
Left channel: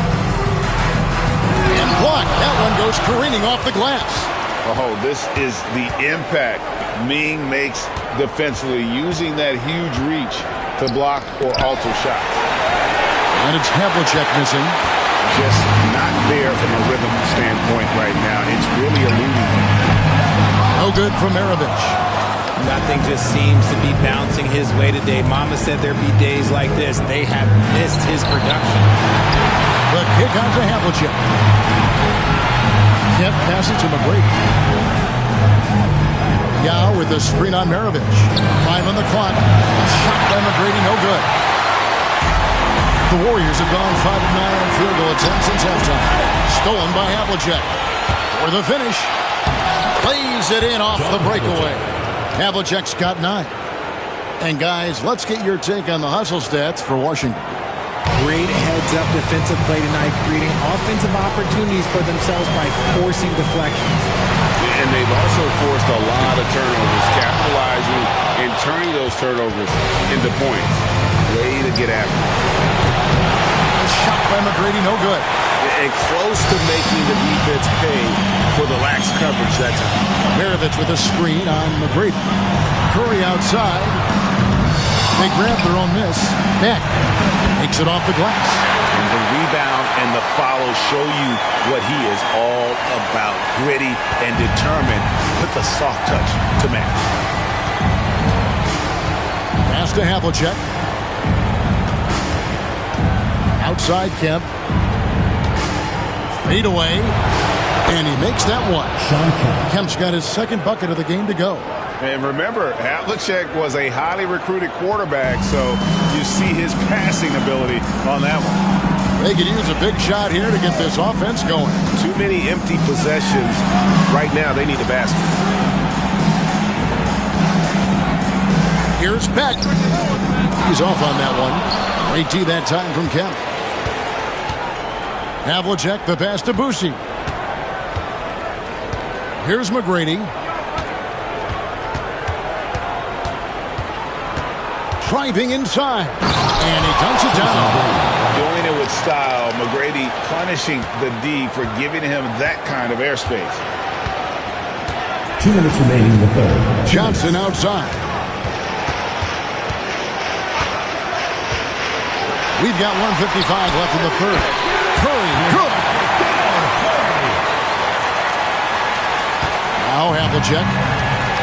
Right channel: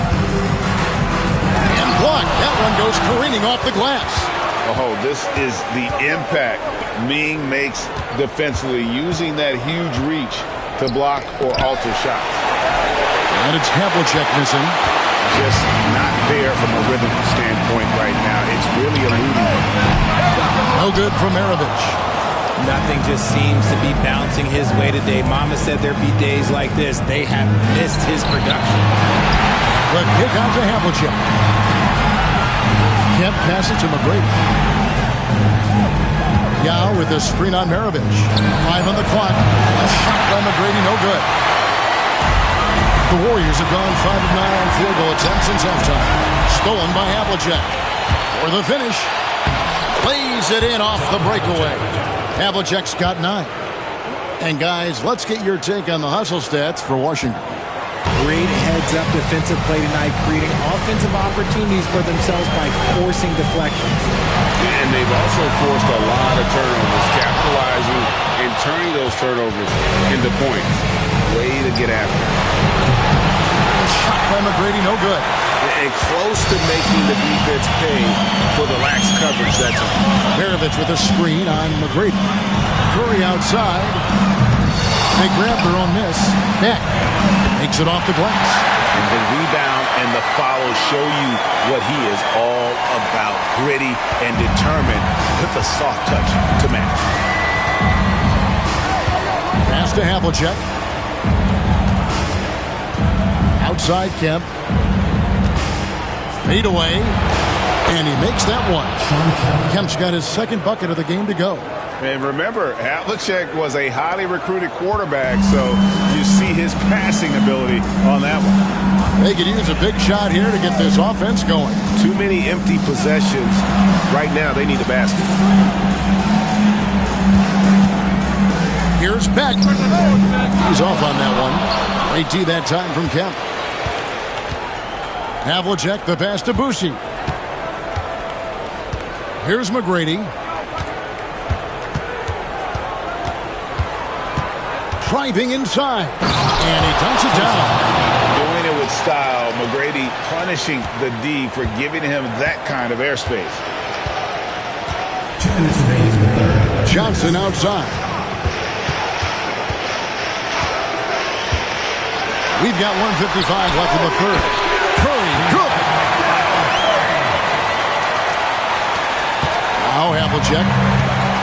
And blocked. That one goes careening off the glass. Oh, this is the impact Ming makes defensively, using that huge reach to block or alter shots. And it's Havlicek missing. Just not there from a rhythm standpoint right now. It's really eluding him. No good from Maravich. Nothing just seems to be bouncing his way today. Mama said there'd be days like this. They have missed his production. The kick out to Havlicek. Kemp passes to McGrady. Yao with the screen on Maravich. 5 on the clock. A shot by McGrady, no good. The Warriors have gone 5 of 9 on field goal attempts since halftime. Stolen by Havlicek. for the finish. Plays it in off the breakaway. Havlicek's got 9. And guys, let's get your take on the hustle stats for Washington. Great heads-up defensive play tonight, creating offensive opportunities for themselves by forcing deflections. And they've also forced a lot of turnovers, capitalizing and turning those turnovers into points. Way to get after it. A shot by McGrady, no good. And close to making the defense pay for the lax coverage that time. Maravich with a screen on McGrady. Curry outside. They grab their own miss. Beck takes it off the glass. And the rebound and the follow show you what he is all about. Gritty and determined with a soft touch to match. Pass to Havlicek. Outside Kemp. Fade away. And he makes that one. Kemp's got his second bucket of the game to go. And remember, Havlicek was a highly recruited quarterback, so you see his passing ability on that one. They could use a big shot here to get this offense going. Too many empty possessions. Right now, they need a basket. Here's Beck. He's off on that one. Great D that time from Kemp. Havlicek, the pass to Boucy. Here's McGrady. Driving inside. And he dunks it down. Doing it with style. McGrady punishing the D for giving him that kind of airspace. 2 minutes remaining in the third. Johnson outside. We've got 1:55 left in the third. Curry, good. Now Havlicek.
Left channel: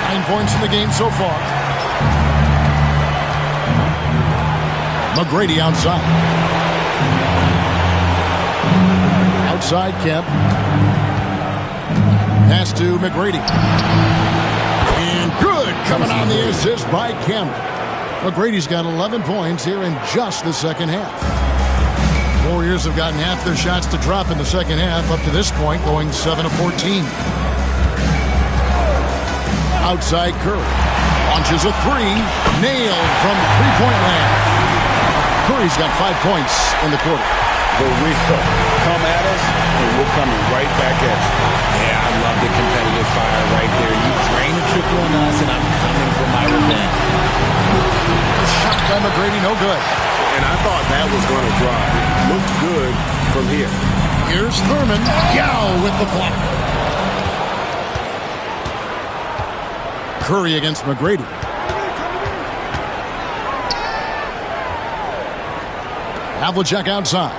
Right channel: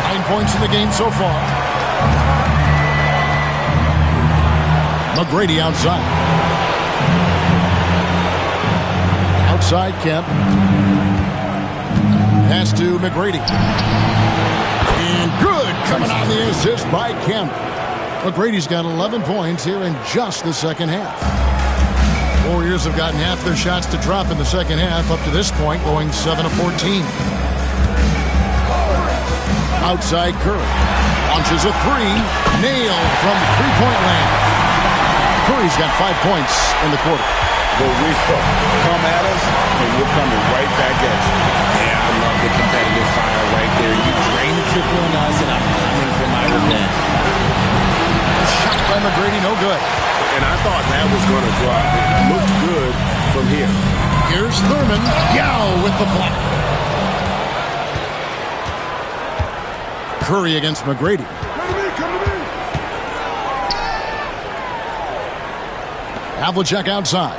9 points in the game so far. McGrady outside. Outside Kemp. Pass to McGrady. And good coming on the assist by Kemp. McGrady's got 11 points here in just the second half. Warriors have gotten half their shots to drop in the second half up to this point, going 7 of 14. Outside Curry. Launches a three. Nailed from three-point land. Curry's got 5 points in the quarter. The real come at us, and we're coming right back at you. Yeah, I love the competitive fire right there. You drain a triple on us, and I'm coming for my revenge. A shot by McGrady, no good. And I thought that was going to drop. It looked good from here. Here's Thurman. Yao with the block. Curry against McGrady. Havlicek outside.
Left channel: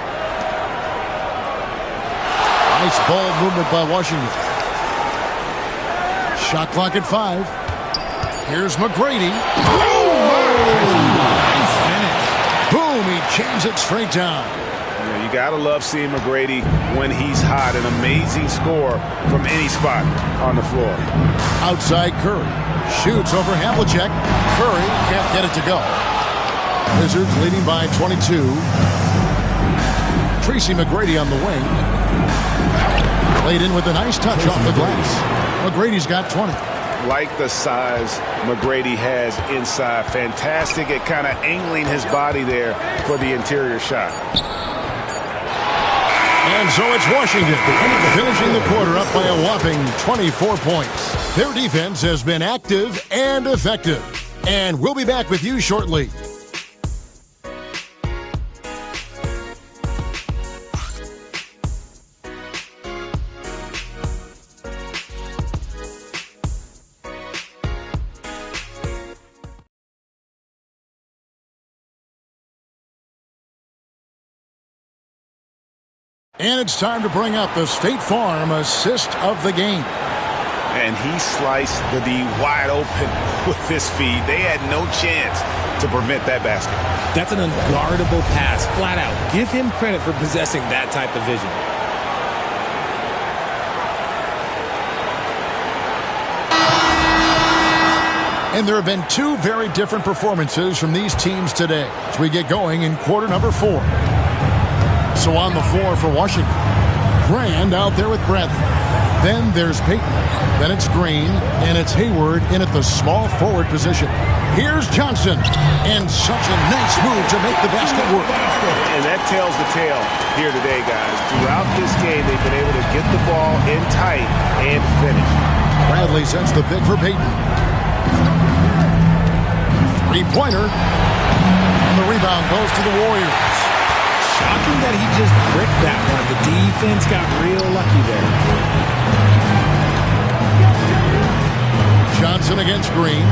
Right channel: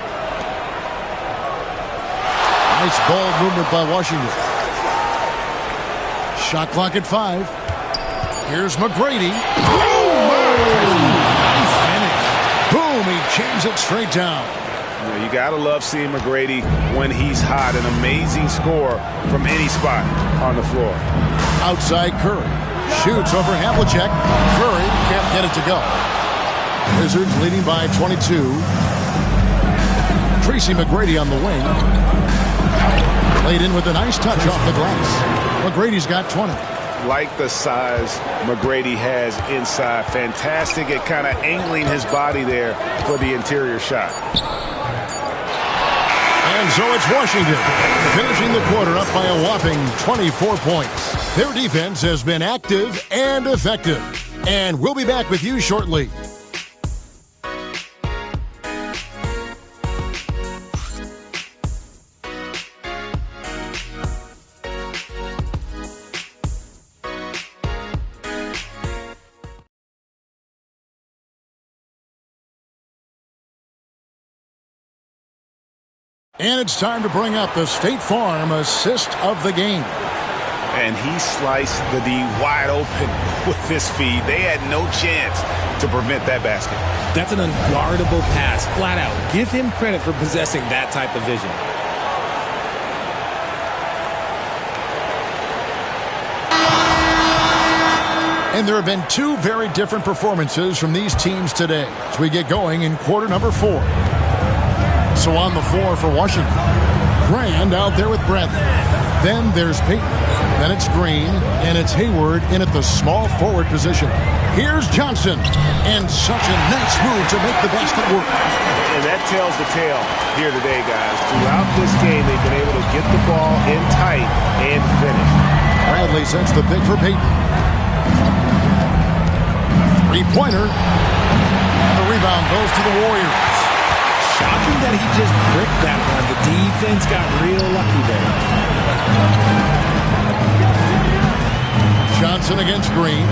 Nice ball movement by Washington. Shot clock at 5. Here's McGrady. Nice finish. Boom, he jams it straight down. You got to love seeing McGrady when he's hot. An amazing score from any spot on the floor. Outside Curry. Shoots over Havlicek. Curry can't get it to go. Wizards leading by 22. Tracy McGrady on the wing. Played in with a nice touch off the glass. McGrady's got 20. Like the size McGrady has inside. Fantastic at kind of angling his body there for the interior shot. And so it's Washington finishing the quarter up by a whopping 24 points. Their defense has been active and effective. And we'll be back with you shortly. And it's time to bring up the State Farm assist of the game. And he sliced the D wide open with this feed. They had no chance to prevent that basket. That's an unguardable pass, flat out. Give him credit for possessing that type of vision. And there have been two very different performances from these teams today as we get going in quarter number 4. So on the floor for Washington, Grand out there with Bradley. Then there's Payton. Then it's Green, and it's Hayward in at the small forward position. Here's Johnson, and such a nice move to make the basket work. And that tells the tale here today, guys. Throughout this game, they've been able to get the ball in tight and finish. Bradley sets the pick for Payton. Three-pointer, and the rebound goes to the Warriors. Shocking that he just bricked that one. The defense got real lucky there. Johnson against Green.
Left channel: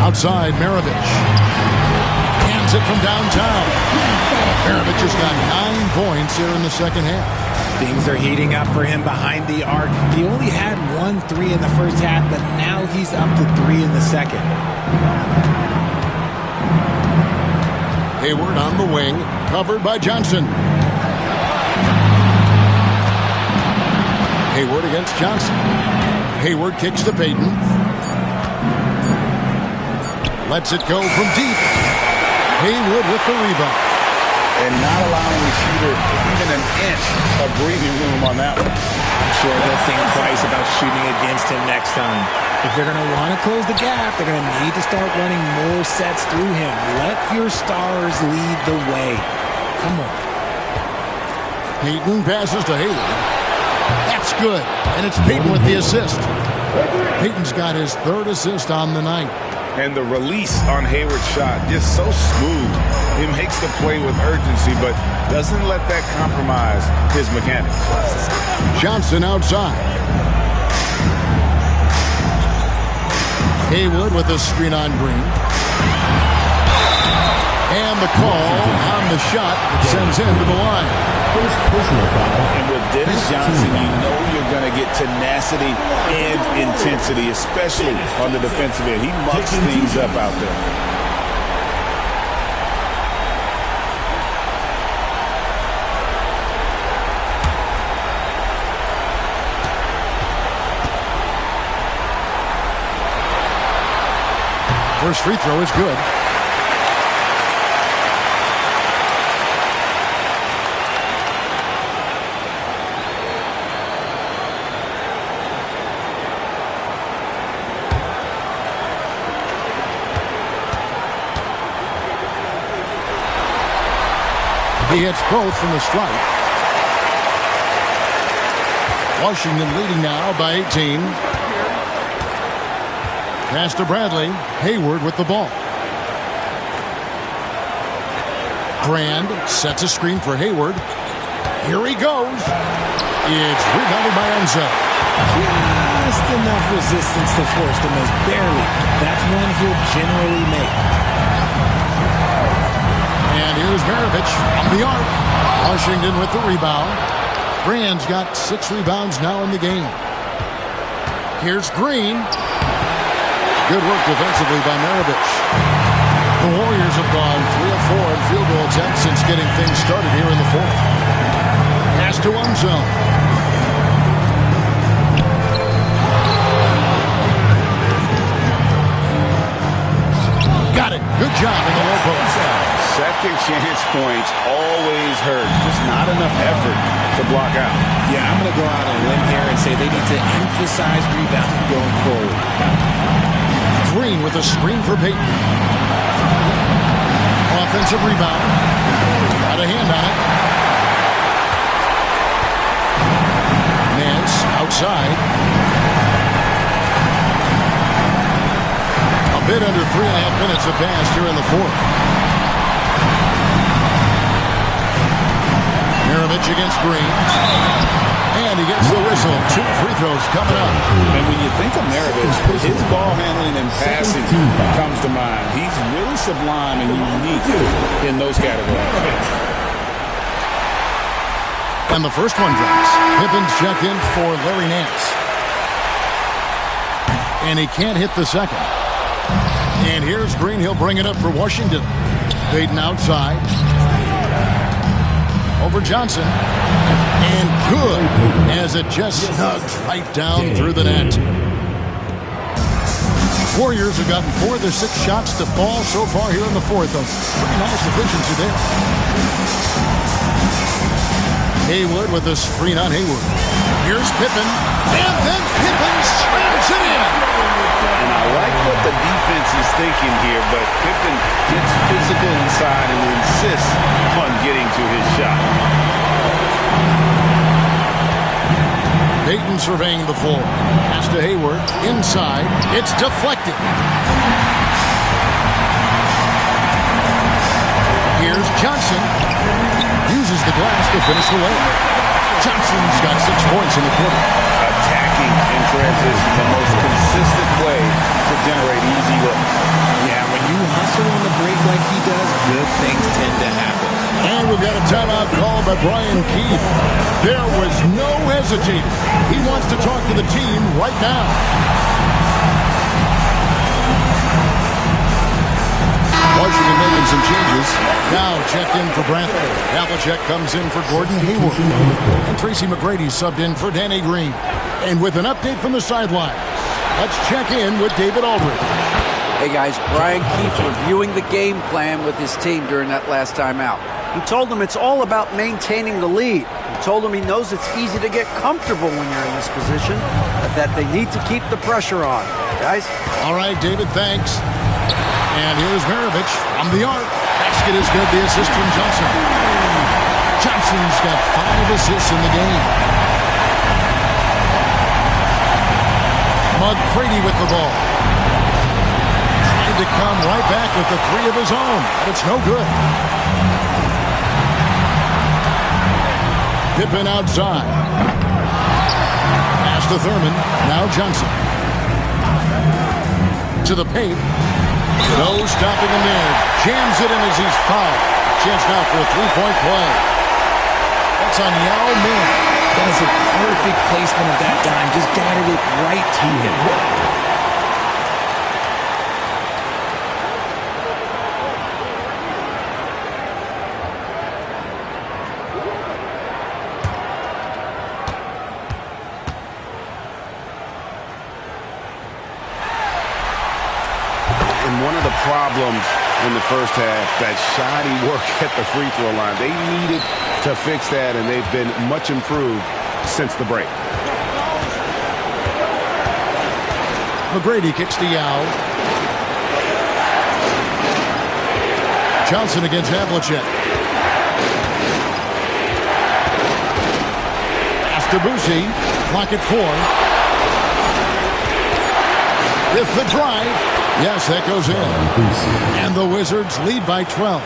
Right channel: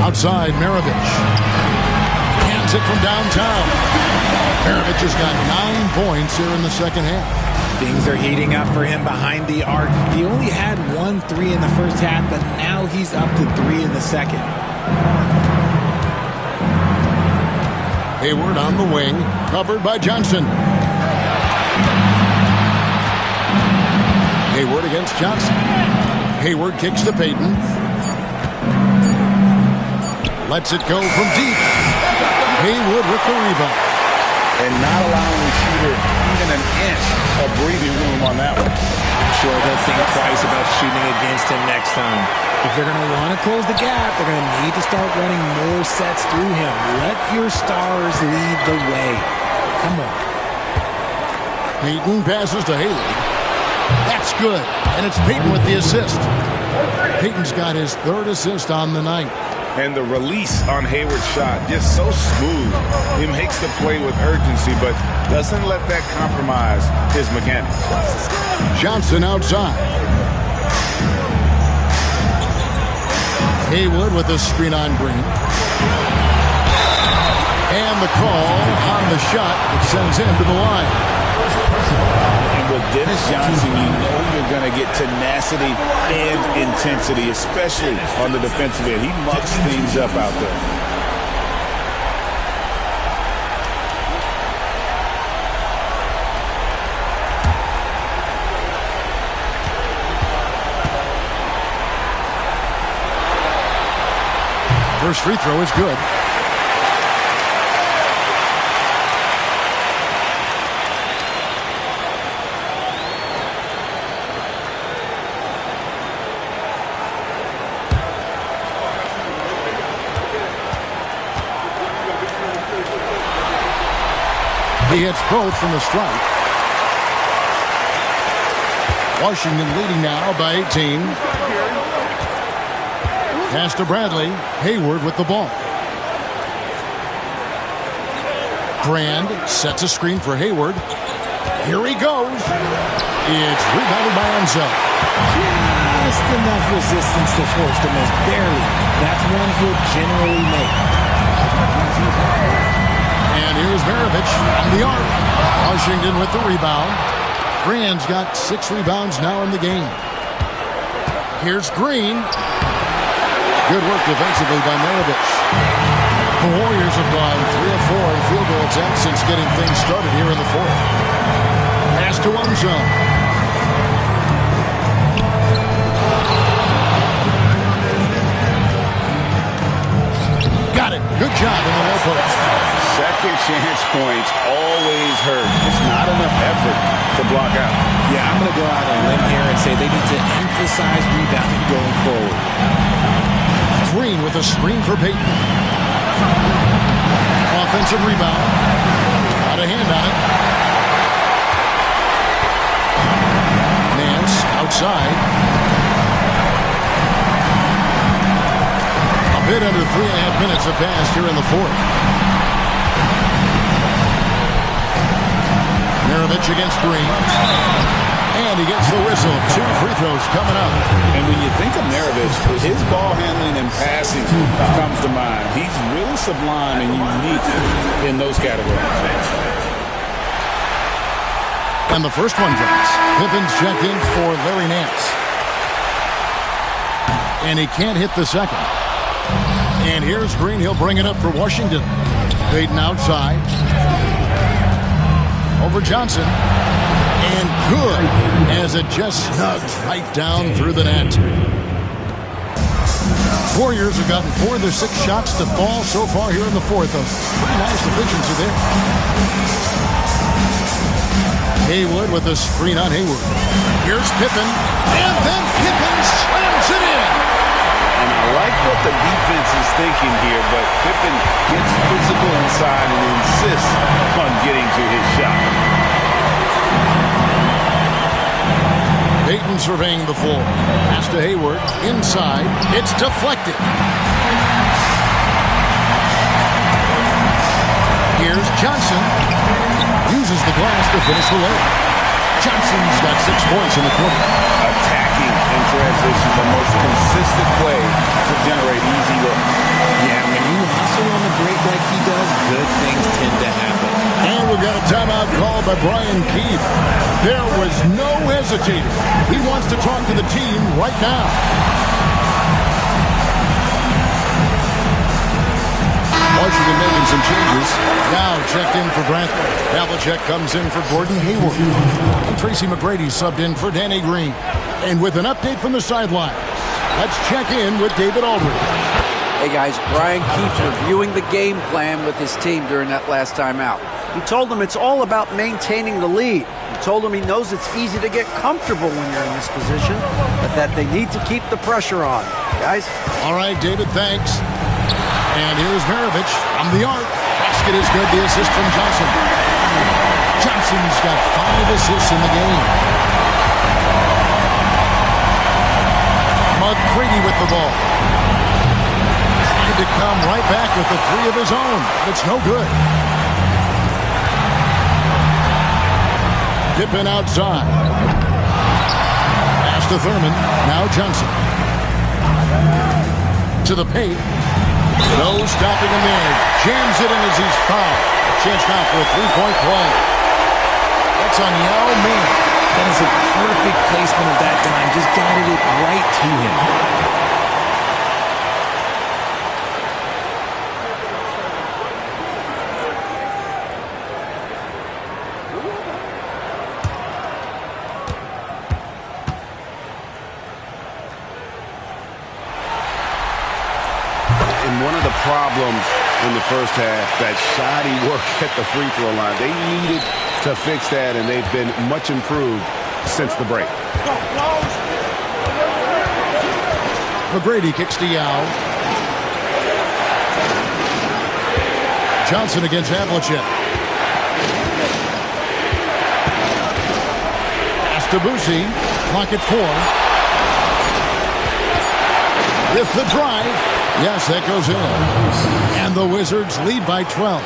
Outside, Maravich. Hands it from downtown. Maravich has got 9 points here in the second half. Things are heating up for him behind the arc. He only had 1 3 in the first half, but now he's up to 3 in the second. Hayward on the wing, covered by Johnson. Hayward against Johnson. Hayward kicks to Payton. Lets it go from deep. Hayward with the rebound. And not allowing the shooter even an inch of breathing room on that one. I'm sure they'll think twice about shooting against him next time. If they're going to want to close the gap, they're going to need to start running more sets through him. Let your stars lead the way. Come on. Payton passes to Hayward. That's good. And it's Payton with the assist. Payton's got his 3rd assist on the night. And the release on Hayward's shot, just so smooth. He makes the play with urgency, but doesn't let that compromise his mechanics. Johnson outside. Hayward with a screen on Green. And the call on the shot that sends him to the line. And with Dennis Johnson, you know you're going to get tenacity and intensity, especially on the defensive end. He mucks things up out there. First free throw is good. He hits both from the stripe. Washington leading now by 18. Pass to Bradley. Hayward with the ball. Brand sets a screen for Hayward. Here he goes. It's rebounded by Enzo. Just enough resistance to force the miss. Barely. That's one he'll generally make. And here's Maravich on the arc. Washington with the rebound. Brand's got 6 rebounds now in the game. Here's Green. Good work defensively by Maravich. The Warriors have gone 3 of 4 in field goal attempts since getting things started here in the 4th. Pass to Enzo. Got it. Good job in the low post. Second chance points always hurt. Just not enough effort to block out. Yeah, I'm going to go out on a limb here and say they need to emphasize rebounding going forward. Green with a screen for Payton. Offensive rebound. Got a hand on it. Nance outside. A bit under 3.5 minutes have passed here in the 4th. Maravich against Green. And he gets the whistle. 2 free throws coming up. And when you think of Maravich, his ball handling and passing comes to mind. He's really sublime and unique in those categories. And the first one drops. Pippen's checked in for Larry Nance. And he can't hit the second. And here's Green. He'll bring it up for Washington. Payton outside. Over Johnson. And good, as it just snugs right down through the net. Warriors have gotten 4 of their 6 shots to fall so far here in the 4th. A pretty nice efficiency there. Haywood with a screen on Haywood. Here's Pippen, and then Pippen slams it in. And I like what the defense is thinking here, but Pippen gets physical inside and insists on getting to his shot. Payton surveying the floor. Pass to Hayward. Inside. It's deflected. Here's Johnson. Uses the glass to finish the layup. Johnson's got 6 points in the quarter. Attacking in transition, the most consistent way to generate easy looks. Yeah, when you hustle on the break like he does, good things tend to happen. And we've got a timeout called by Brian Keefe. There was no hesitating. He wants to talk to the team right now. Washington making some changes. Now checked in for Brantley. Havlicek comes in for Gordon Hayward. And Tracy McGrady subbed in for Danny Green. And with an update from the sidelines, let's check in with David Aldridge. Hey guys, Brian Keefe reviewing the game plan with his team during that last time out. He told them it's all about maintaining the lead. He told them he knows it's easy to get comfortable when you're in this position, but that they need to keep the pressure on. Guys? All right, David, thanks. And here's Maravich from the arc. Basket is good, the assist from Johnson. Johnson's got 5 assists in the game. McGrady with the ball. Trying to come right back with the 3 of his own, but it's no good. Pippen outside. Pass to Thurman. Now Johnson. To the paint. No stopping him there. Jams it in as he's fouled. Chance now for a 3-point play. That's on Yao Ming. That is a perfect placement of that dime. Just guided it right to him. And one of the problems in the first half, that shoddy work at the free throw line. They needed to fix that, and they've been much improved since the break. McGrady kicks to Yao. Johnson against Havlicek. Pass to Boosie. Clock at 4. With the drive. Yes, that goes in. And the Wizards lead by 12.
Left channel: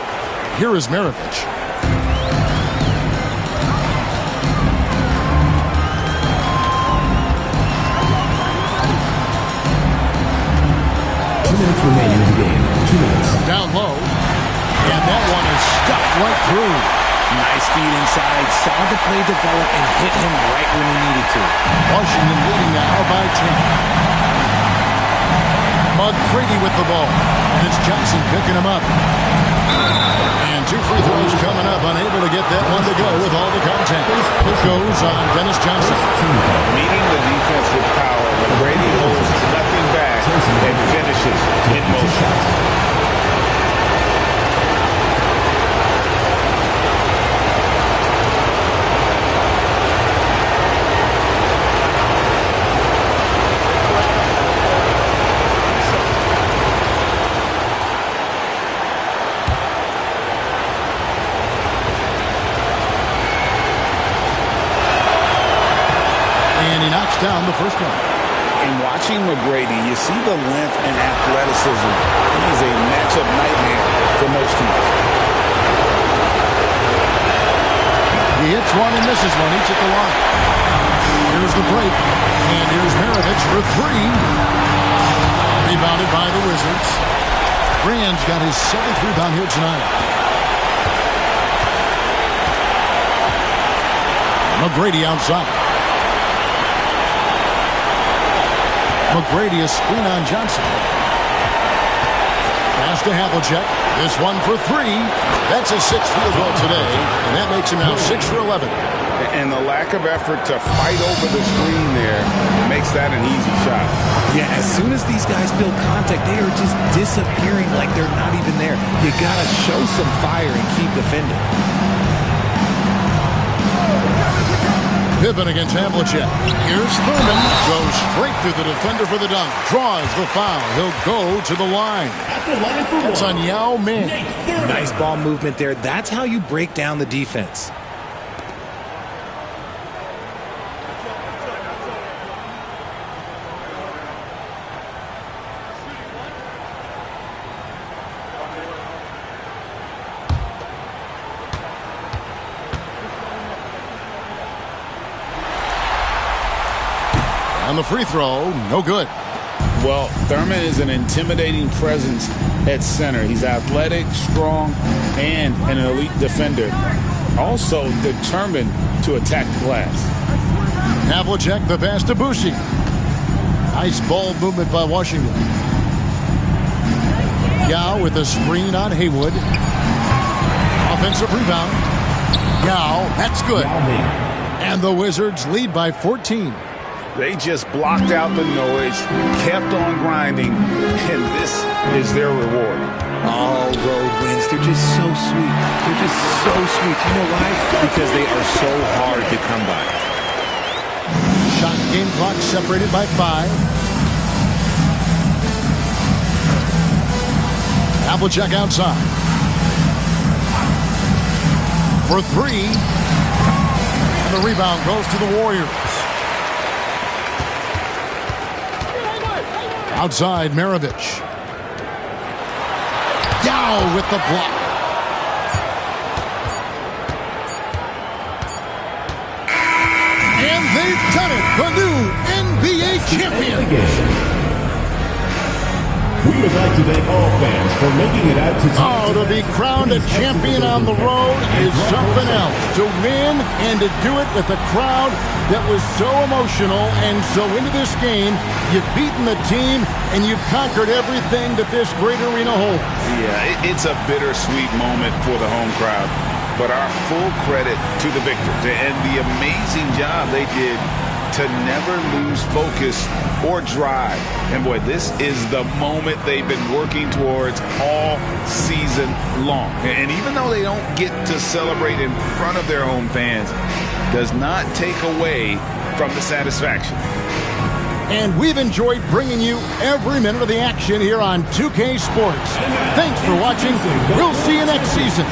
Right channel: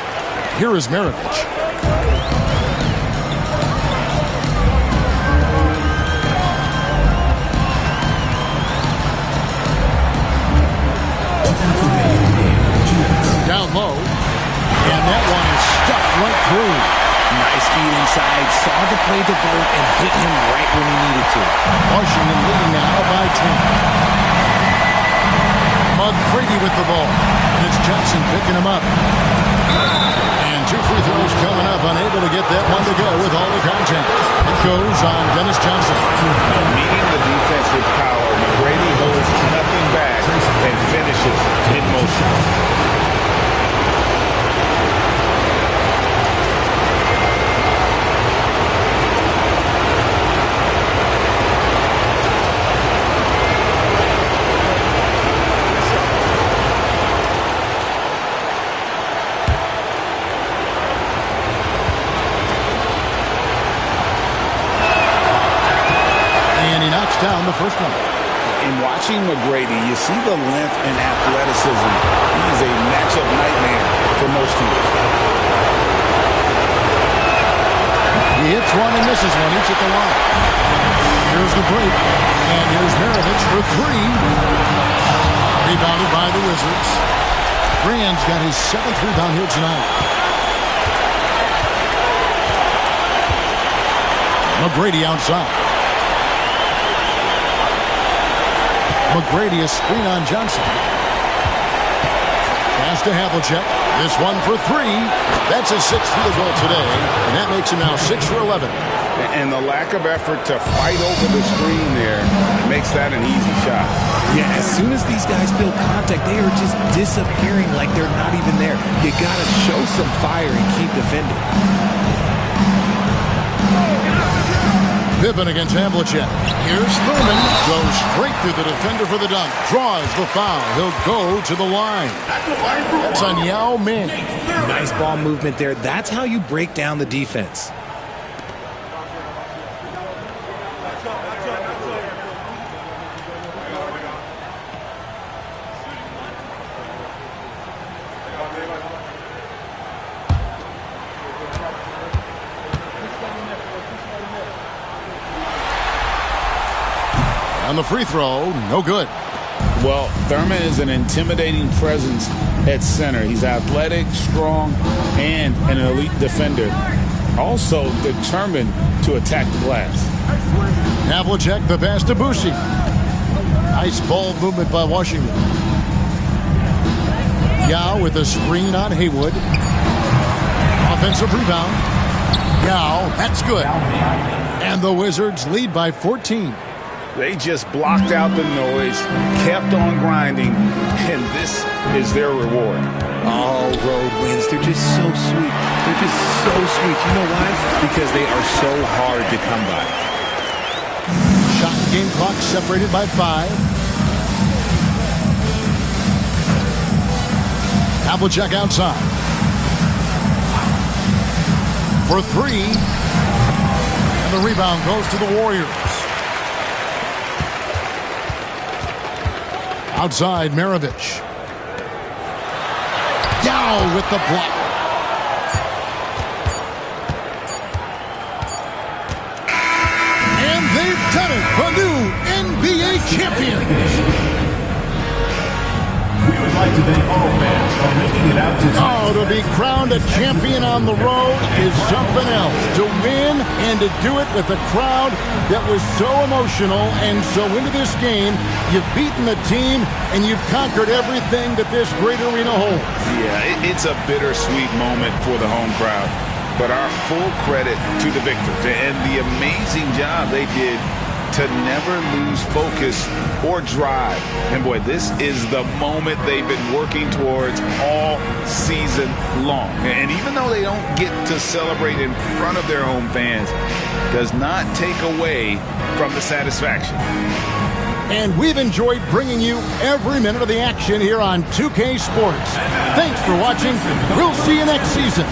Here is Maravich. 2 minutes remaining in the game. 2 minutes. Down low. And that one is stuffed right through. Nice feed inside. Saw the play develop and hit him right when he needed to. Washington leading now by 10. McGrady with the ball. And it's Johnson picking him up. And 2 free throws coming up. Unable to get that one to go with all the contact. It goes on Dennis Johnson. Meeting the defense with power, McGrady holds nothing back and finishes in motion. And he knocks down the first one. In watching McGrady, you see the length and athleticism. He's a matchup nightmare for most teams. He hits one and misses one, each at the line. Here's the break. And here's Maravich for 3. Rebounded by the Wizards. Rand's got his 7th rebound here tonight. McGrady outside. McGrady a screen on Johnson. Pass to Havlicek. This one for 3. That's his 6th field goal today, and that makes him now 6 for 11. And the lack of effort to fight over the screen there makes that an easy shot. Yeah, as soon as these guys feel contact, they are just disappearing like they're not even there. You got to show some fire and keep defending. Pippen against Havlicek. Here's Thurman. Goes straight through the defender for the dunk. Draws the foul. He'll go to the line. That's on Yao Ming. Nice ball movement there. That's how you break down the defense. And the free throw, no good. Well, Thurman is an intimidating presence at center. He's athletic, strong, and an elite defender. Also determined to attack the glass. Havlicek, the pass to Boucher. Nice ball movement by Washington. Yao with a screen on Haywood. Offensive rebound. Yao, that's good. And the Wizards lead by 14. They just blocked out the noise, kept on grinding, and this is their reward. All road wins. They're just so sweet. They're just so sweet. You know why? Because they are so hard to come by. Shot game clock separated by 5. Havlicek outside. For 3. And the rebound goes to the Warriors. Outside, Maravich. Yao with the block. And they've done it. The new NBA champions. We would like to thank all fans for making it out to to be crowned a champion on the road is something else. To win and to do it with a crowd that was so emotional and so into this game, you've beaten the team and you've conquered everything that this great arena holds. Yeah, it's a bittersweet moment for the home crowd. But our full credit to the victors and the amazing job they did to never lose focus or drive. And boy, this is the moment they've been working towards all season long. And even though they don't get to celebrate in front of their home fans, does not take away from the satisfaction. And we've enjoyed bringing you every minute of the action here on 2K Sports. Thanks for watching. We'll see you next season.